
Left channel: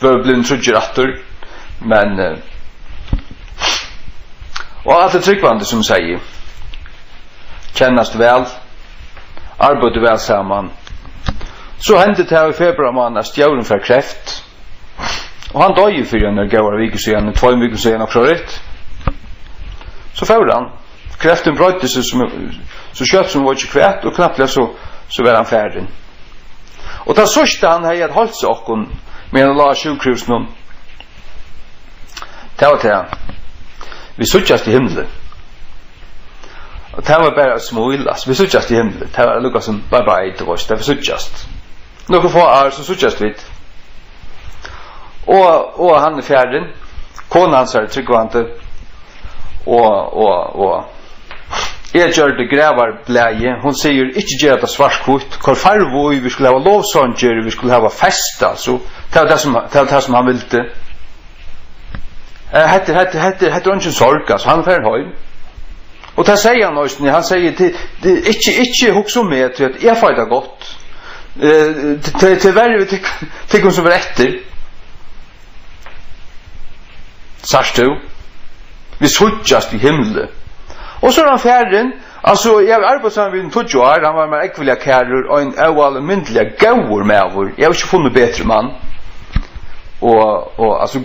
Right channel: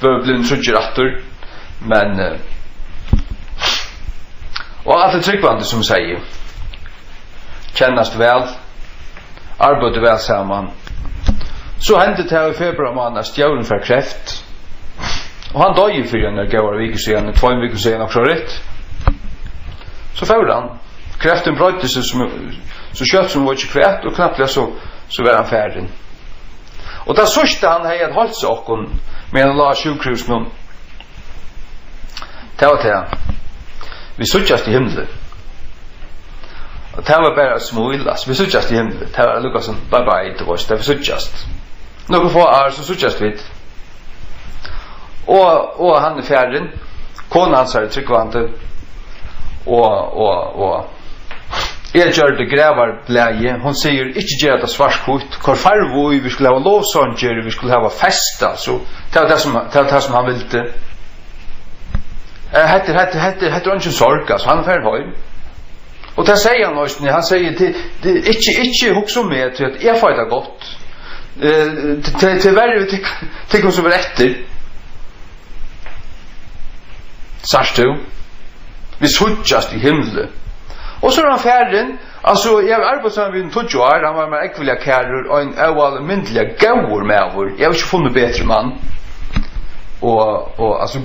vi er blitt 30 retter. Men og alt tryggvande som sier kjennast vel, arbeider vel sammen. Så hendte det her i februar måned stjåren fra kreft. Og han døg for en gauar vik siden, 2 viker siden også rett. Så får han. Kreften brøyte seg så kjøtt som var ikke kvett, og knapt så var han ferdig. Og da sørste han hei et holdt seg okken, med en la sjukhusen. Det var til han. Vi suttjast i himmelen. Og det var bare smuilas. Vi suttjast i himmelen. Det var lukka som bye-bye til oss. Det var suttjast. Noen få år så suttjast vi. Og han ferdig. Kona hans tryggvante. Og jeg gjør det grevar blæge. Hun sier, ikke gjør det svartkvitt. Hvor farvoi, vi skulle ha lovsanger, vi skulle ha festa. Så det var det som han ville. Hette ønsken sorg, altså, han er ferdig høy. Og det sier han også, han sier, ikke hukse om meg til at jeg får det godt. Til verre til hun som var etter. Sars du? Vi suttjast i himmelen. Og så er han ferdig, altså, jeg har arbeidet sammen med en 20 år, han var med ekvillige kærer, og en almindelig gauer med over. Jeg har ikke funnet bedre mann. Og altså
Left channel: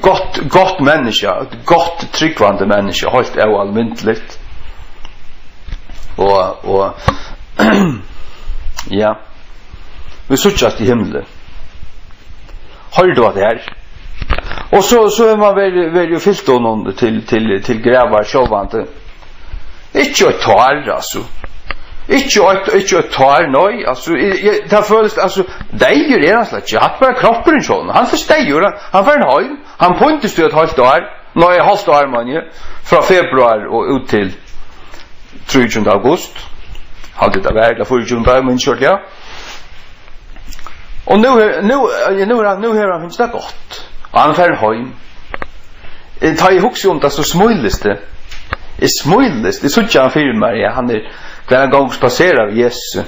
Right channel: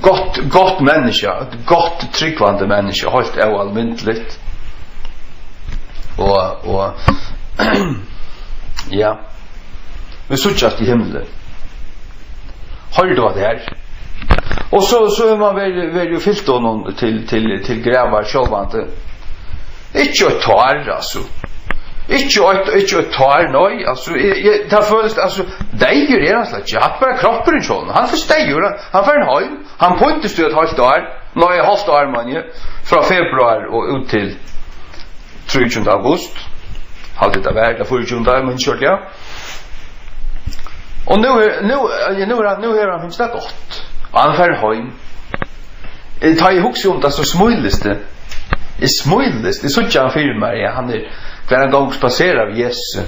gott menneske, et gott tryggvande menneske, holdt almindelig. Og ja, vi suttjast i himmelen. Hører du at det her? Og så er man veldig fyllt honom til grevar sjålvante. Ikke et tar, altså. Ikke et tar, nøy. Altså, det føles, altså, deier er han slett ikke. Han bare kroppen sånn. Han forsteier, han får en høy. Han pointes til et halvt år. Nøy, halvt år, man, fra februar og ut til 23. august. Halvt det var, det 24. men kjørt, ja. Og nå har han finnes det godt. Og han får en høy. Jeg tar i hukse om det, så smuiles det. Jeg smuiles, det synes han filmer, ja, han hver en gang spaserer av Jesus.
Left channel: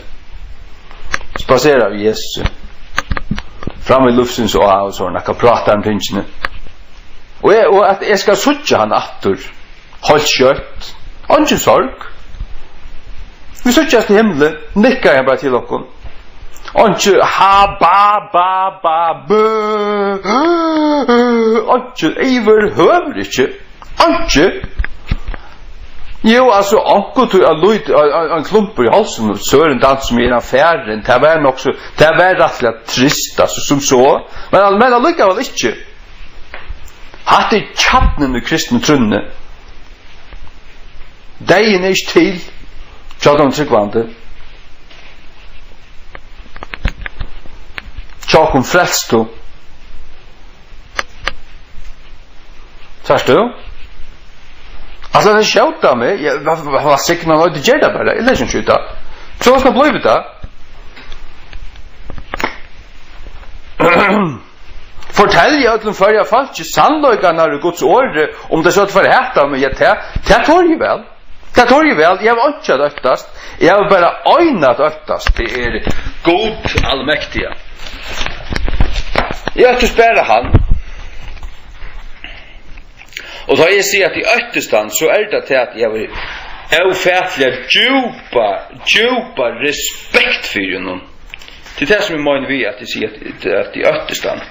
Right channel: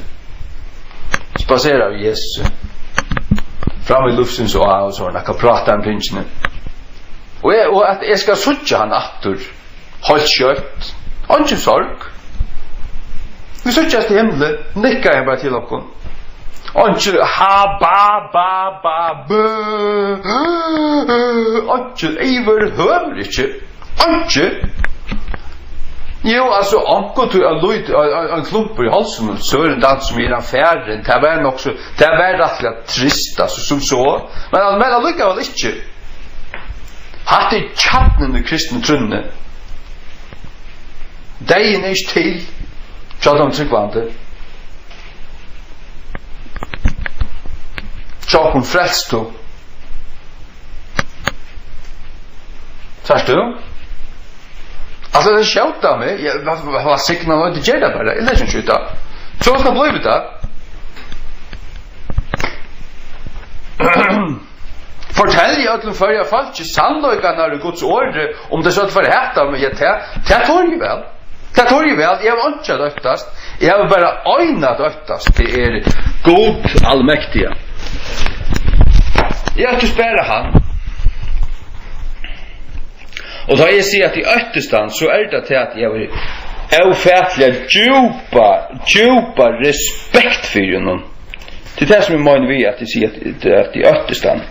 Spaserer av Jesus. Fram i luftens og sånn, jeg kan prate om tingene. Og at jeg skal suttje han atter, holdt kjøtt, og ikke sorg. Vi suttjes til himmelen, nikker jeg bare til dere. Og ikke ha, ba, bø, og ikke, iver, høver ikke, og ikke. Jo, altså, anker til en klumper i halsen og søren dans som en affæren, det var nok så, det var rettelig trist, altså, som så, men allikevel ikke. Hatt er kjattnen i kristne trunne. Deien er ikke til, tjata om tryggvande. Tjata om frelsto. Tjast du? Altså, det skjøtta meg, jeg var sikker med å gjøre det bare, jeg leser ikke ut da. Så skal jeg bli det. Fortell jeg at før jeg falt ikke sannløyken av Guds åre, om det så at for hette meg, det tår jeg vel. Det tår jeg vel, jeg har ikke døttast, jeg har bare øynet døttast til god allmektige. Jeg har ikke spørre han. Og da jeg sier at i øttestand, så det til at jeg var ufattelig djupa respekt for henne. Det det som jeg mener vi at jeg sier at i øttestand.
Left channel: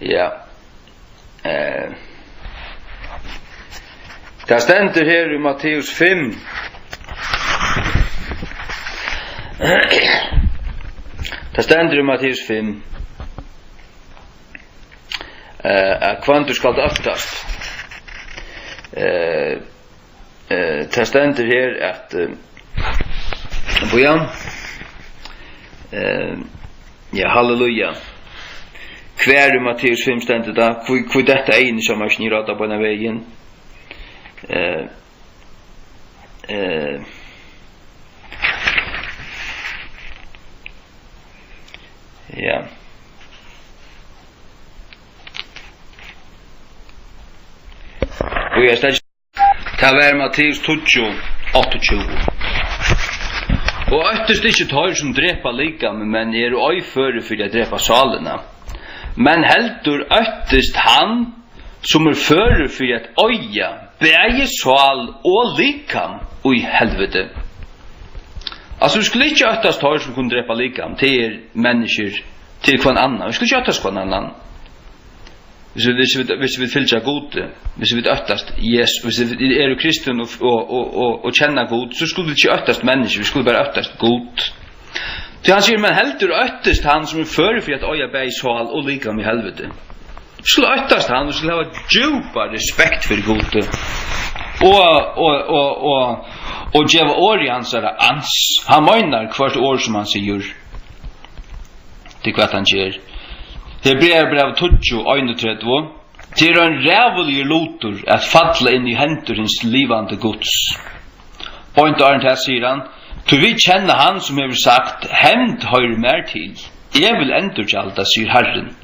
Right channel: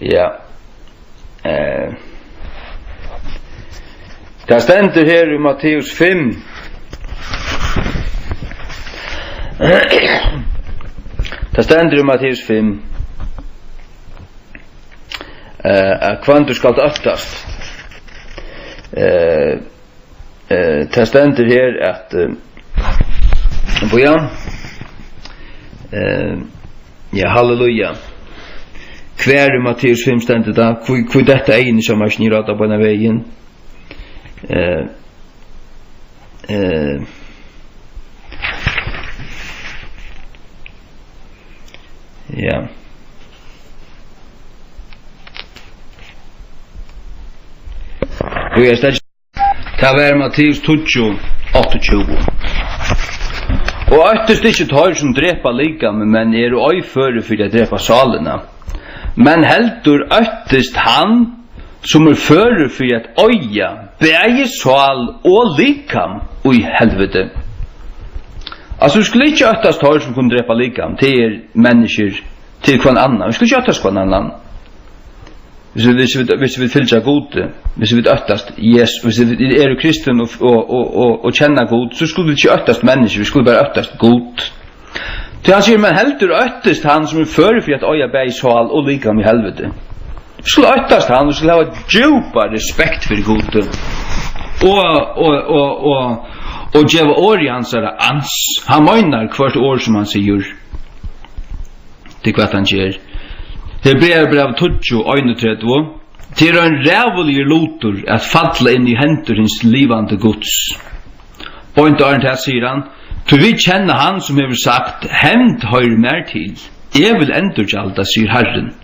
Ja. Det stendur her I Matteus 5. Det stendur I Matteus 5. At kvantur skal öftast. Det stendur her at Bojan. Ja, halleluja. Hver I Matteus 5 stendur da, hvor dette egin som snirata på denne veien. Ja. Og jeg stedet ta vær Matteus 28. Og øttest ikke tar som drepa likam, men øy føre for å drepa salene. Men heldur øttest han som føre for at øya bæge sal og likam i helvete. Altså, vi skulle ikke øttest tar som kunne drepa likam til mennesker, til hver annan. Vi skulle ikke øttest hver annan. Hvis vi fylgja god, hvis vi øttast Jesus, hvis vi kristen og kjenner god, så skulle vi ikke øttast mennesker, vi skulle bare øttast god. Til han sier, men heldur øttast han som fører for at øya bæg sal og likam i helvete. Vi skulle øttast han, vi skulle ha djupa respekt for god. Og djeva år I hans ans. Han møgnar hvert år som han sier. Det hva han sier. Hebreerbrev 20:31. Til en rævelig lutur at falla inn I henturins livande gods. Point Arndt her sier han, til vi kjenner han som hever sagt, hemd høyre mer til, jeg vil endurgjalda, sier Herren,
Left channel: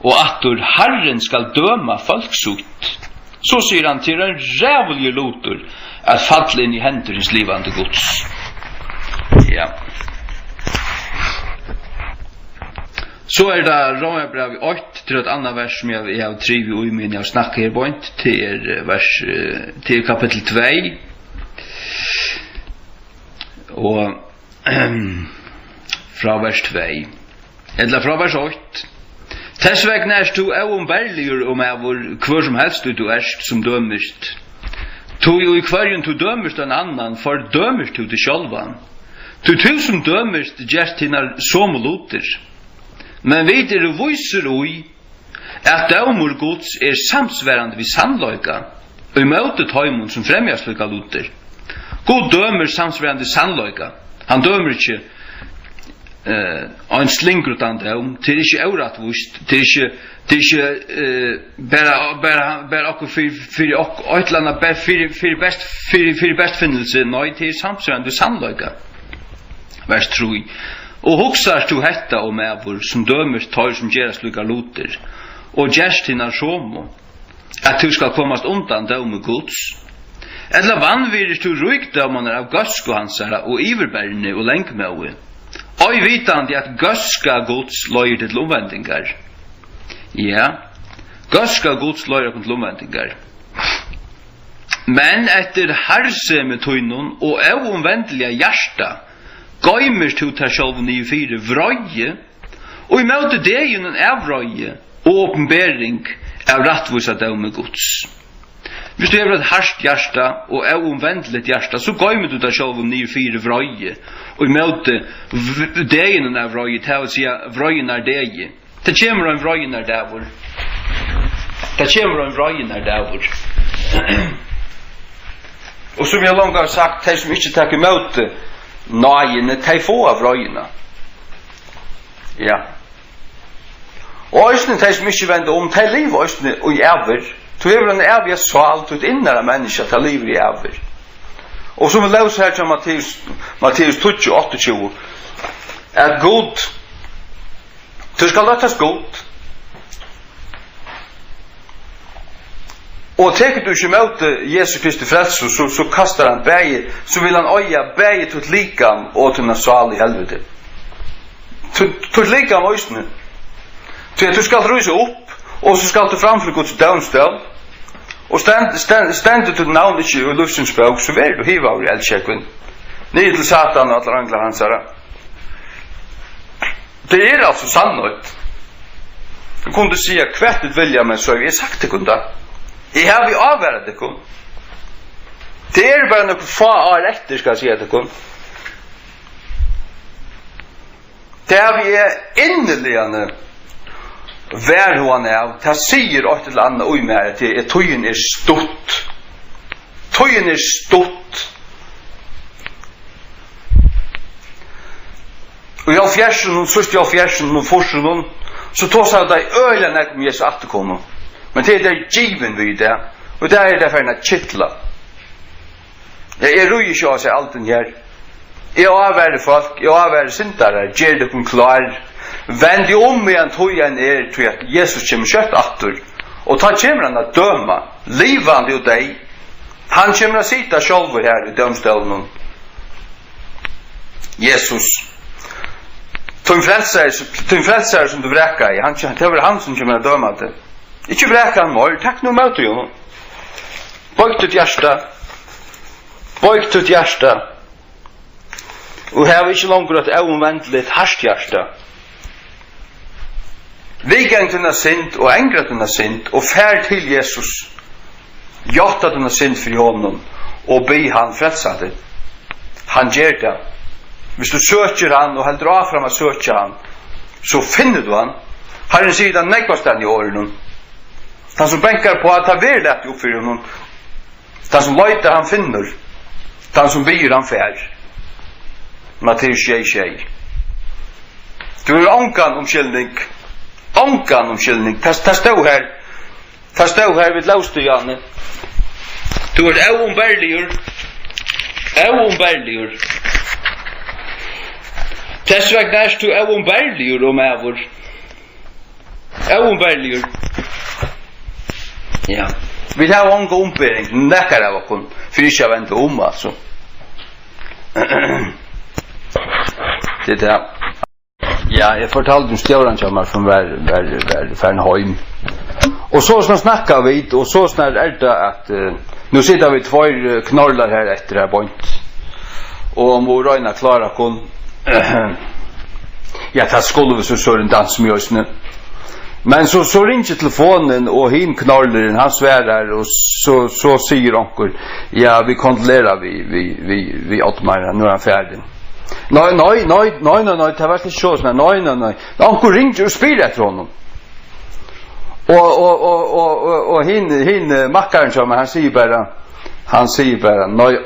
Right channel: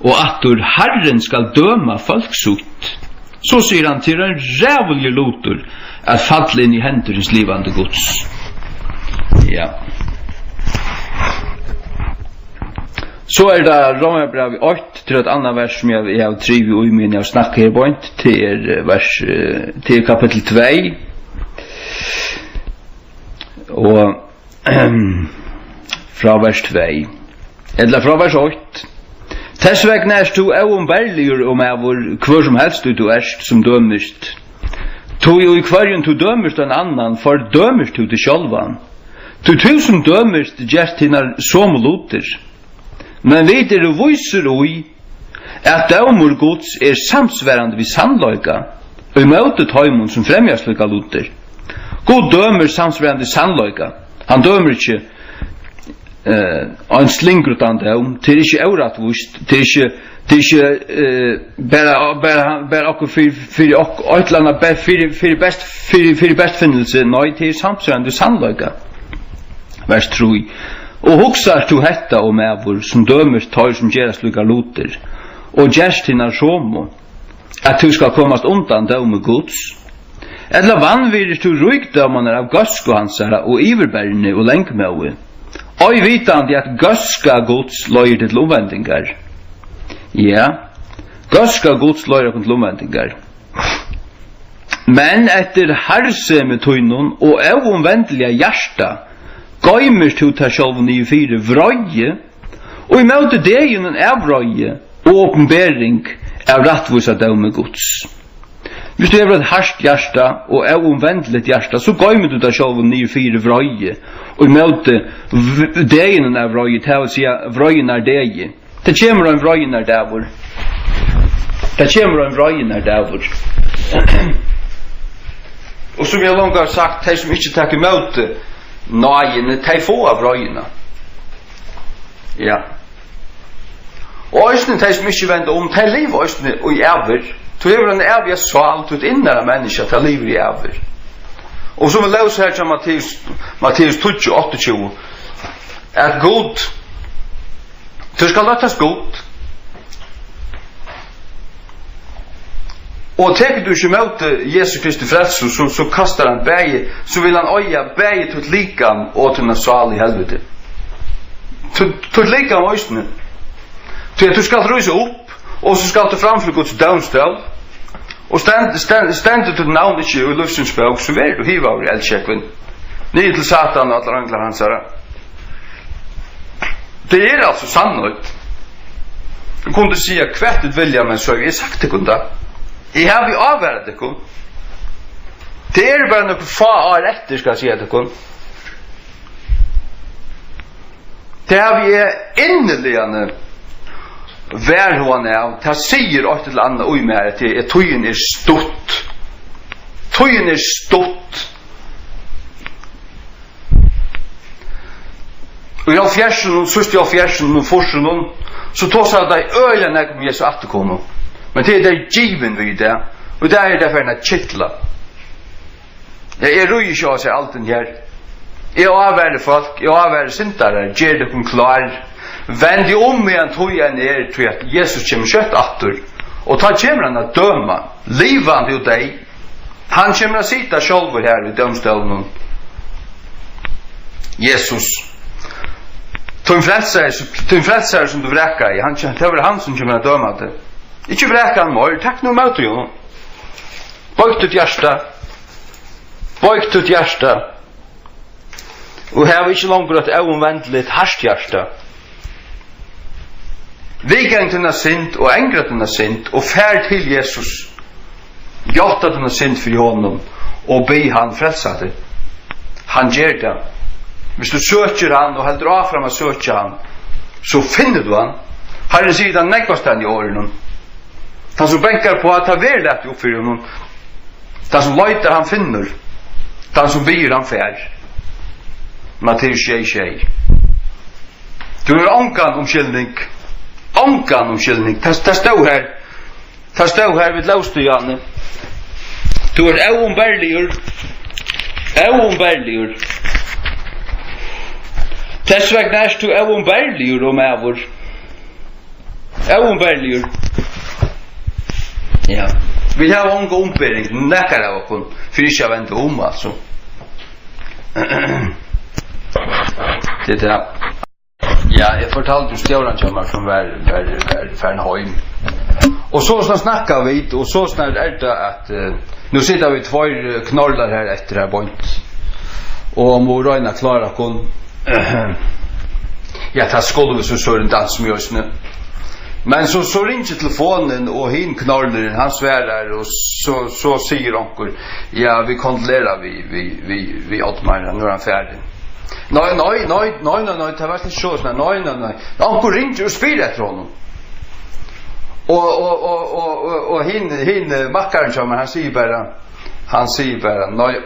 og atur Herren skal døma folksut. Så sier han til en rævelig lutur at falla inn I henturins livande gods. Ja. Så det Romarbrevet 8 til et annet vers som jeg har trivet I min jeg snakker her på til vers til kapittel 2 og fra vers 2 eller fra vers 8 Tess vegna er du oumbærligur hver som helst du erst som dømist tu I hverjun du dømist en annan for dømist du til sjálvan tu som dømist gjerst hinnar som luter men vi viser ui at dømur Guds samsværande vid sannløyga og I møte tøymon som fremjast lykka luter. God dømer samsværande sannløyga. Han dømer ikke en slingrutan døm, til ikke euratvust, til ikke bare okkur fyrir øytlanda fyrir bestfinnelse, nei, til samsværande sannløyga. Vers 3. Og hugsar du hetta om evor som dømer tar som gjerast lukka luter, og gjerst hinnar somo, at du skal komast undan døme Guds. Eller vanvirir du rykdømanar av gøsku hansara og iverbærne og lengmøve, og vitandi at gøska Guds løyer til omvendingar. Ja, gøska Guds løyer til omvendingar. Men etter harseme tøynun og omvendelige hjarta, gøymers tu ta sjálvun I fire vrøye, og I møte dejunen av vrøye og åpenbering av rattvusa døme Guds. Hvis du har et harst hjärsta og omvendeligt hjärsta, så gøymer du ta sjálvun I fire vrøye, og I møte dejunen av vrøye, til å si vrøyen deje. Det kommer en vrøyen dævor. Det kommer en vrøyen dævor. Og som jeg langt har sagt, de som ikke takker møte, nøyene, de få av røyene. Ja. Og østene, de som ikke vender om, de lever østene og I æver. Du lever en ævig sval, du innere mennesker, de lever I æver. Og som vi leser her til Matteus 28, at god, du skal løttes god. Og teker du ikke møte Jesu Kristi frelse, så kastar han bæge, så vil han øya bæge til likam og til en sal I helvete. Til likam øysene. Til at du skal røyse opp, og så skal du framfor Guds dømstøv, og stendet til navn ikke I luftens bøk, så vil du hiva over I eldsjekven. Nye til Satan og alle angler hans herre. Det alltså sannolikt. Du kunde säga kvättet vilja men så jag sagt det kunde. Jag har vi avvärdat det kun. Det bara några få år efter ska jag säga det kun. Det har vi innerligande vär hon är. Det säger åt ett annat oj mer att tojen är stort. Tojen är stort. Och jag fjärsen och sist jag fjärsen och forsen så tar sig det öliga när kom Jesus att komma. Men det är det given vid det. Och det är därför en kittla. Jag är ruig så sig allt den här. Jag avvärder folk, jag avvärder syndare, ger det kom klar. Vänd dig om igen tojen är till att Jesus kommer kött åter. Och ta kommer han att döma livande och dig. Han kommer att sitta själv här i dömställen. Jesus Tun frälsare som du vräkar i, det var han som kommer att döma det. Ikke vräka han mor, takk noe møte jo. Bøyk ditt hjärsta. Og her var ikke langer et avomvendelig harskt hjärsta. Vi gang til denne synd, og engret denne synd, og fær til Jesus. Gjøtta denne synd for honom, og be han frelsa det. Han gjør det. Hvis du søker han, og heldur av fram å søke han, så finner du han. Herren sier den nekvastan i årene. Han som bänkar på att ha verlet uppfyr honom. Den som löjter han finner. Den som byr han fär. Matteus 6:6. Du är ånkan omkyldning. Ånkan omkyldning. Det stod här. Det stod här vid lovstyrjane. Du är oumbärligur. Oumbärligur. Tess vegna är du oumbärligur om ävor. Oumbärligur. Ja. Vi har en god ombering, näkar av okon, för inte jag väntar om alltså. Det där. Ja, jag fortalte om stjåran kommer från Fernheim. Och så snackar vi, och så snart är det att nu sitter vi två knallar här efter det här point. Och om vår röjna klara kon. Ja, det skulle vi så en dans med oss nu. Men så ringer telefonen och hin knallaren han svärar och så säger onkel ja vi kontrollerar vi Ottmar nu är han färdig. Nej det var inte så såna nej. Onkel ringer och spelar efter honom. Och hin mackaren som han säger bara nej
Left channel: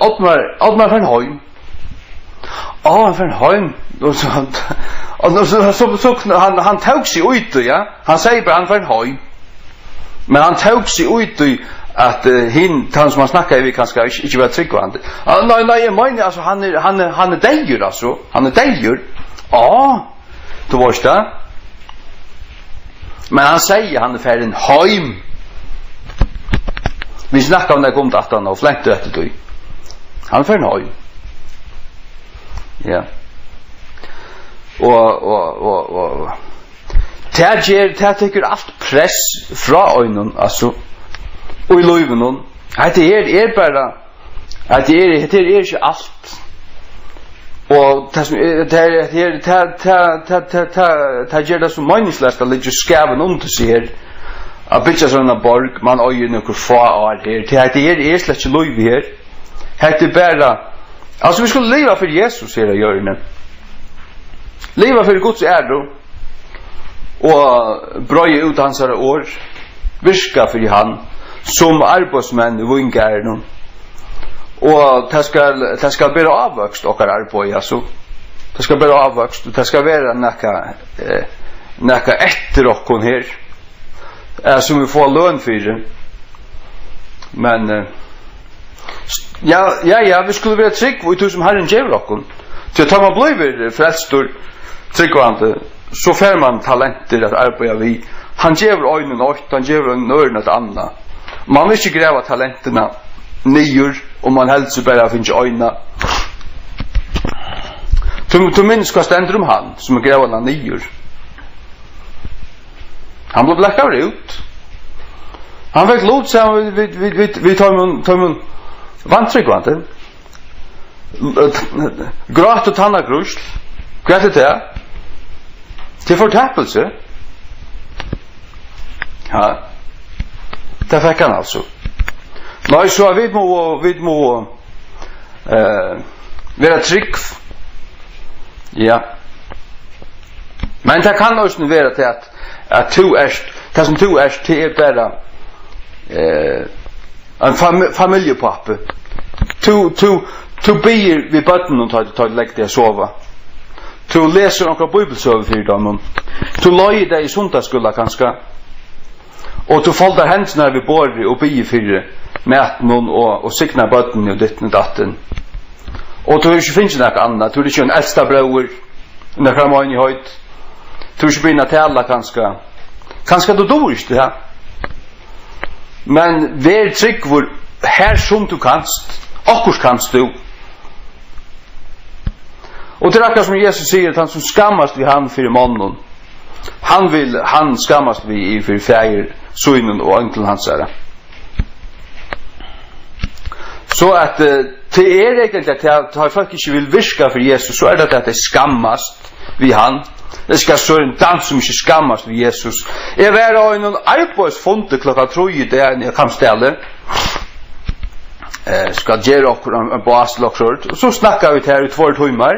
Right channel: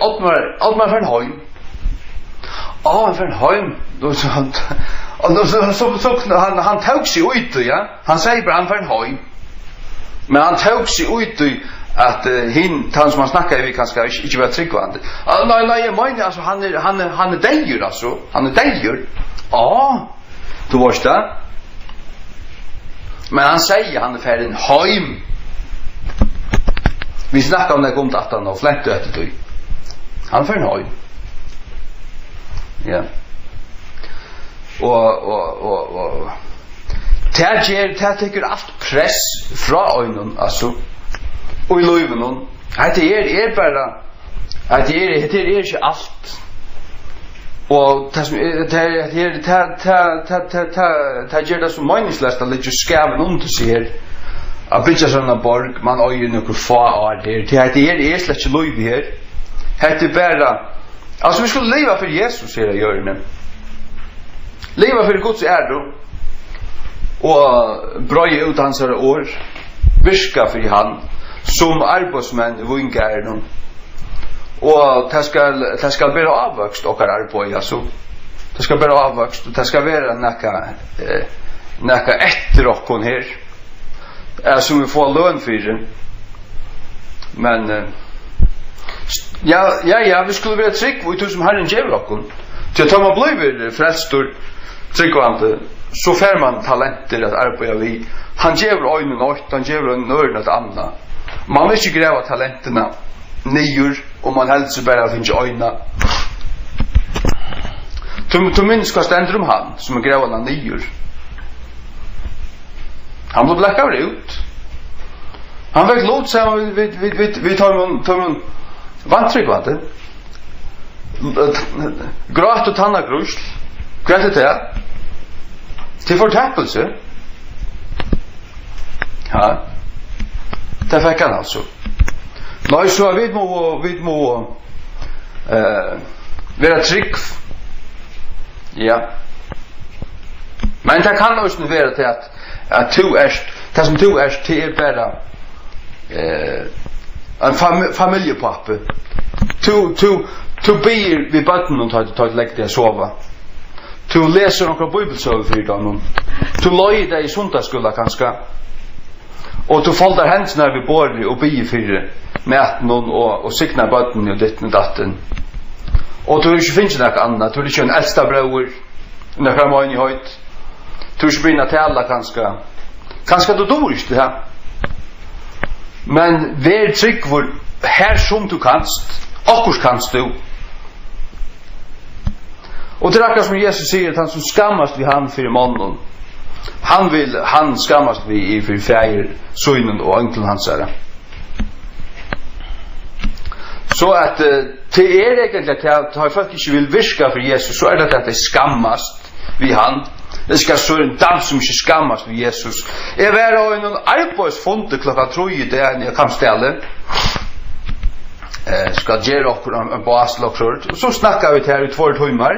Ottmar Fernheim. Fernheim då så och så han tog sig ut ja han säger bara han Fernheim men han tog sig ut att han som han snackar vi kanske inte var tryggvande nej jag menar alltså han är dejur alltså han är dejur du varst det men han säger han är Fernheim vi snackar om det kom att han har fläkt efter det han är Fernheim ja og det tycker allt press fra øynene altså og i løyven det bara at det er ikke alt og det gjør det så meningsløst at det skaven under seg her at bytja sånne borg man øyer noen få år her det er slett ikke løyve her det bara altså vi skulle leva for Jesus her i hjørnet leva för Guds ära och bröja ut hans år virka för han som arbetsmän i vingärden och det ska bli avväxt och arbeta så det ska bli avväxt det ska vara näka efter och kon här som vi får lön för men ja vi skulle vara trygg och du som har en jävla så tar man blivit frälstor tryggvande så får man talenter att arbeta vi han ger ögonen åt han ger ögonen åt andra man vill inte gräva talenterna nyer och man helst bara finns ögonen du minns vad ständer han som gräver den nyer han blev blackad ut han fick låt sig vi tar man vantryggvande gråt och tanna grus. Kvart det? Till fortappelse. Ja. Det fikk han altså. Nei, så vi må være trygg. Ja. Men det kan også være til at du det som du til bare en familiepappe. Du ber vi bøtten og tar legge deg sova. Du leser noen bibelsøver for dem. Du løy deg i sundagsskolen kanskje. Og du folder hendene ved bordet og ber for maten og sikner bøtten og ditten og datten. Og du ikke finner noe annet. Du er ikke en eldste brøver. Noen måned i høyt. Du ikke begynner til alle kanskje. Kanskje du dår ikke det her. Men vær trygg hvor her som du kanst. Akkurat kanst du. Og det er akkurat som Jesus sier at han som skammast vi han for mannen. Han skammast vi for feir, sønnen og ønkelen hans er. Så at det er egentlig at folk ikke vil virke for Jesus, så er det at de skammast vi han. Det skal stå en dans som ikke skammast vi Jesus. Jeg var i noen arbeidsfunte klokka 3 i det jeg kan stelle. Skal gjøre okkur en baslokksord. Og så snakka vi til her i 2 timer.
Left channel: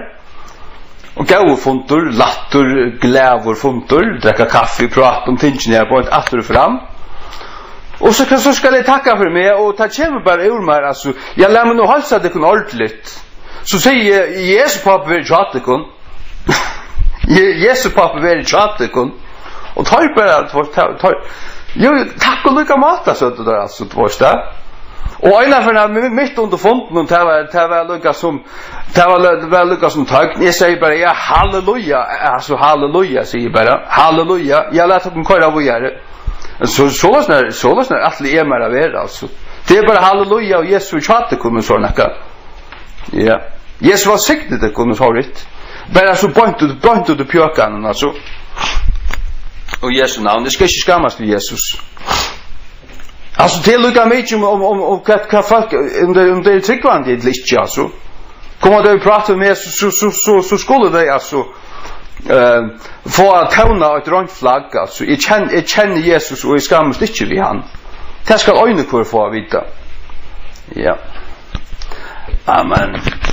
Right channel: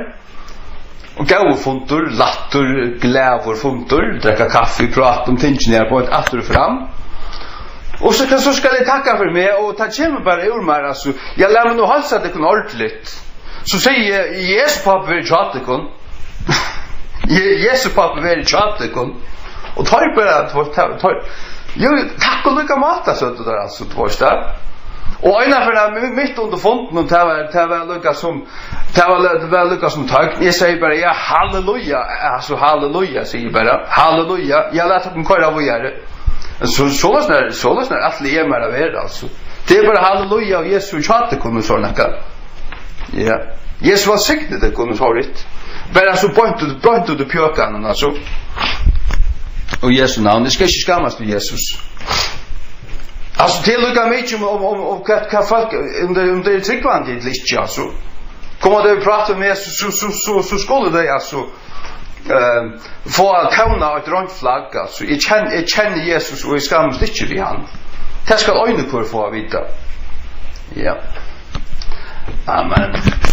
Og gau funtur, lattur, glævur funtur, drekka kaffe, prat om tingene jeg på et atter fram. Og så skal jeg takka for meg, og det kommer bare ur meg, altså. Jeg lar meg nå halsa det kun ordentligt. Så sier Jesu pappa vil tjatekon. Jesu pappa vil tjatekon. Og tar bare, jo, takk og lykka mat, altså, det der, altså, tvorsta. Og en av henne, midt under fonden, det var lykka som tøgn. Jeg sier bare, ja, halleluja, altså halleluja, sier bare, halleluja. Jeg lærte dem køyre av å gjøre. Så løsner atle er mer av altså. Det er bare halleluja, og Jesus tjate kunne så nekka. Ja. Jesus var siktet det kunne så ritt. Bare så bønt ut pjøkanen, altså. Og Jesu navn, det skal ikke skammast til Jesus. Altså, det lukka mykje om hva folk, om det er tryggvandig eller ikke, altså. Kommer det vi prater med Jesus, så skulle det, altså, få å tøvna et røntflagg, altså. Jeg kjenner Jesus, og jeg skammast ikke ved han. Det skal øyne kvar få å vite. Ja. Amen.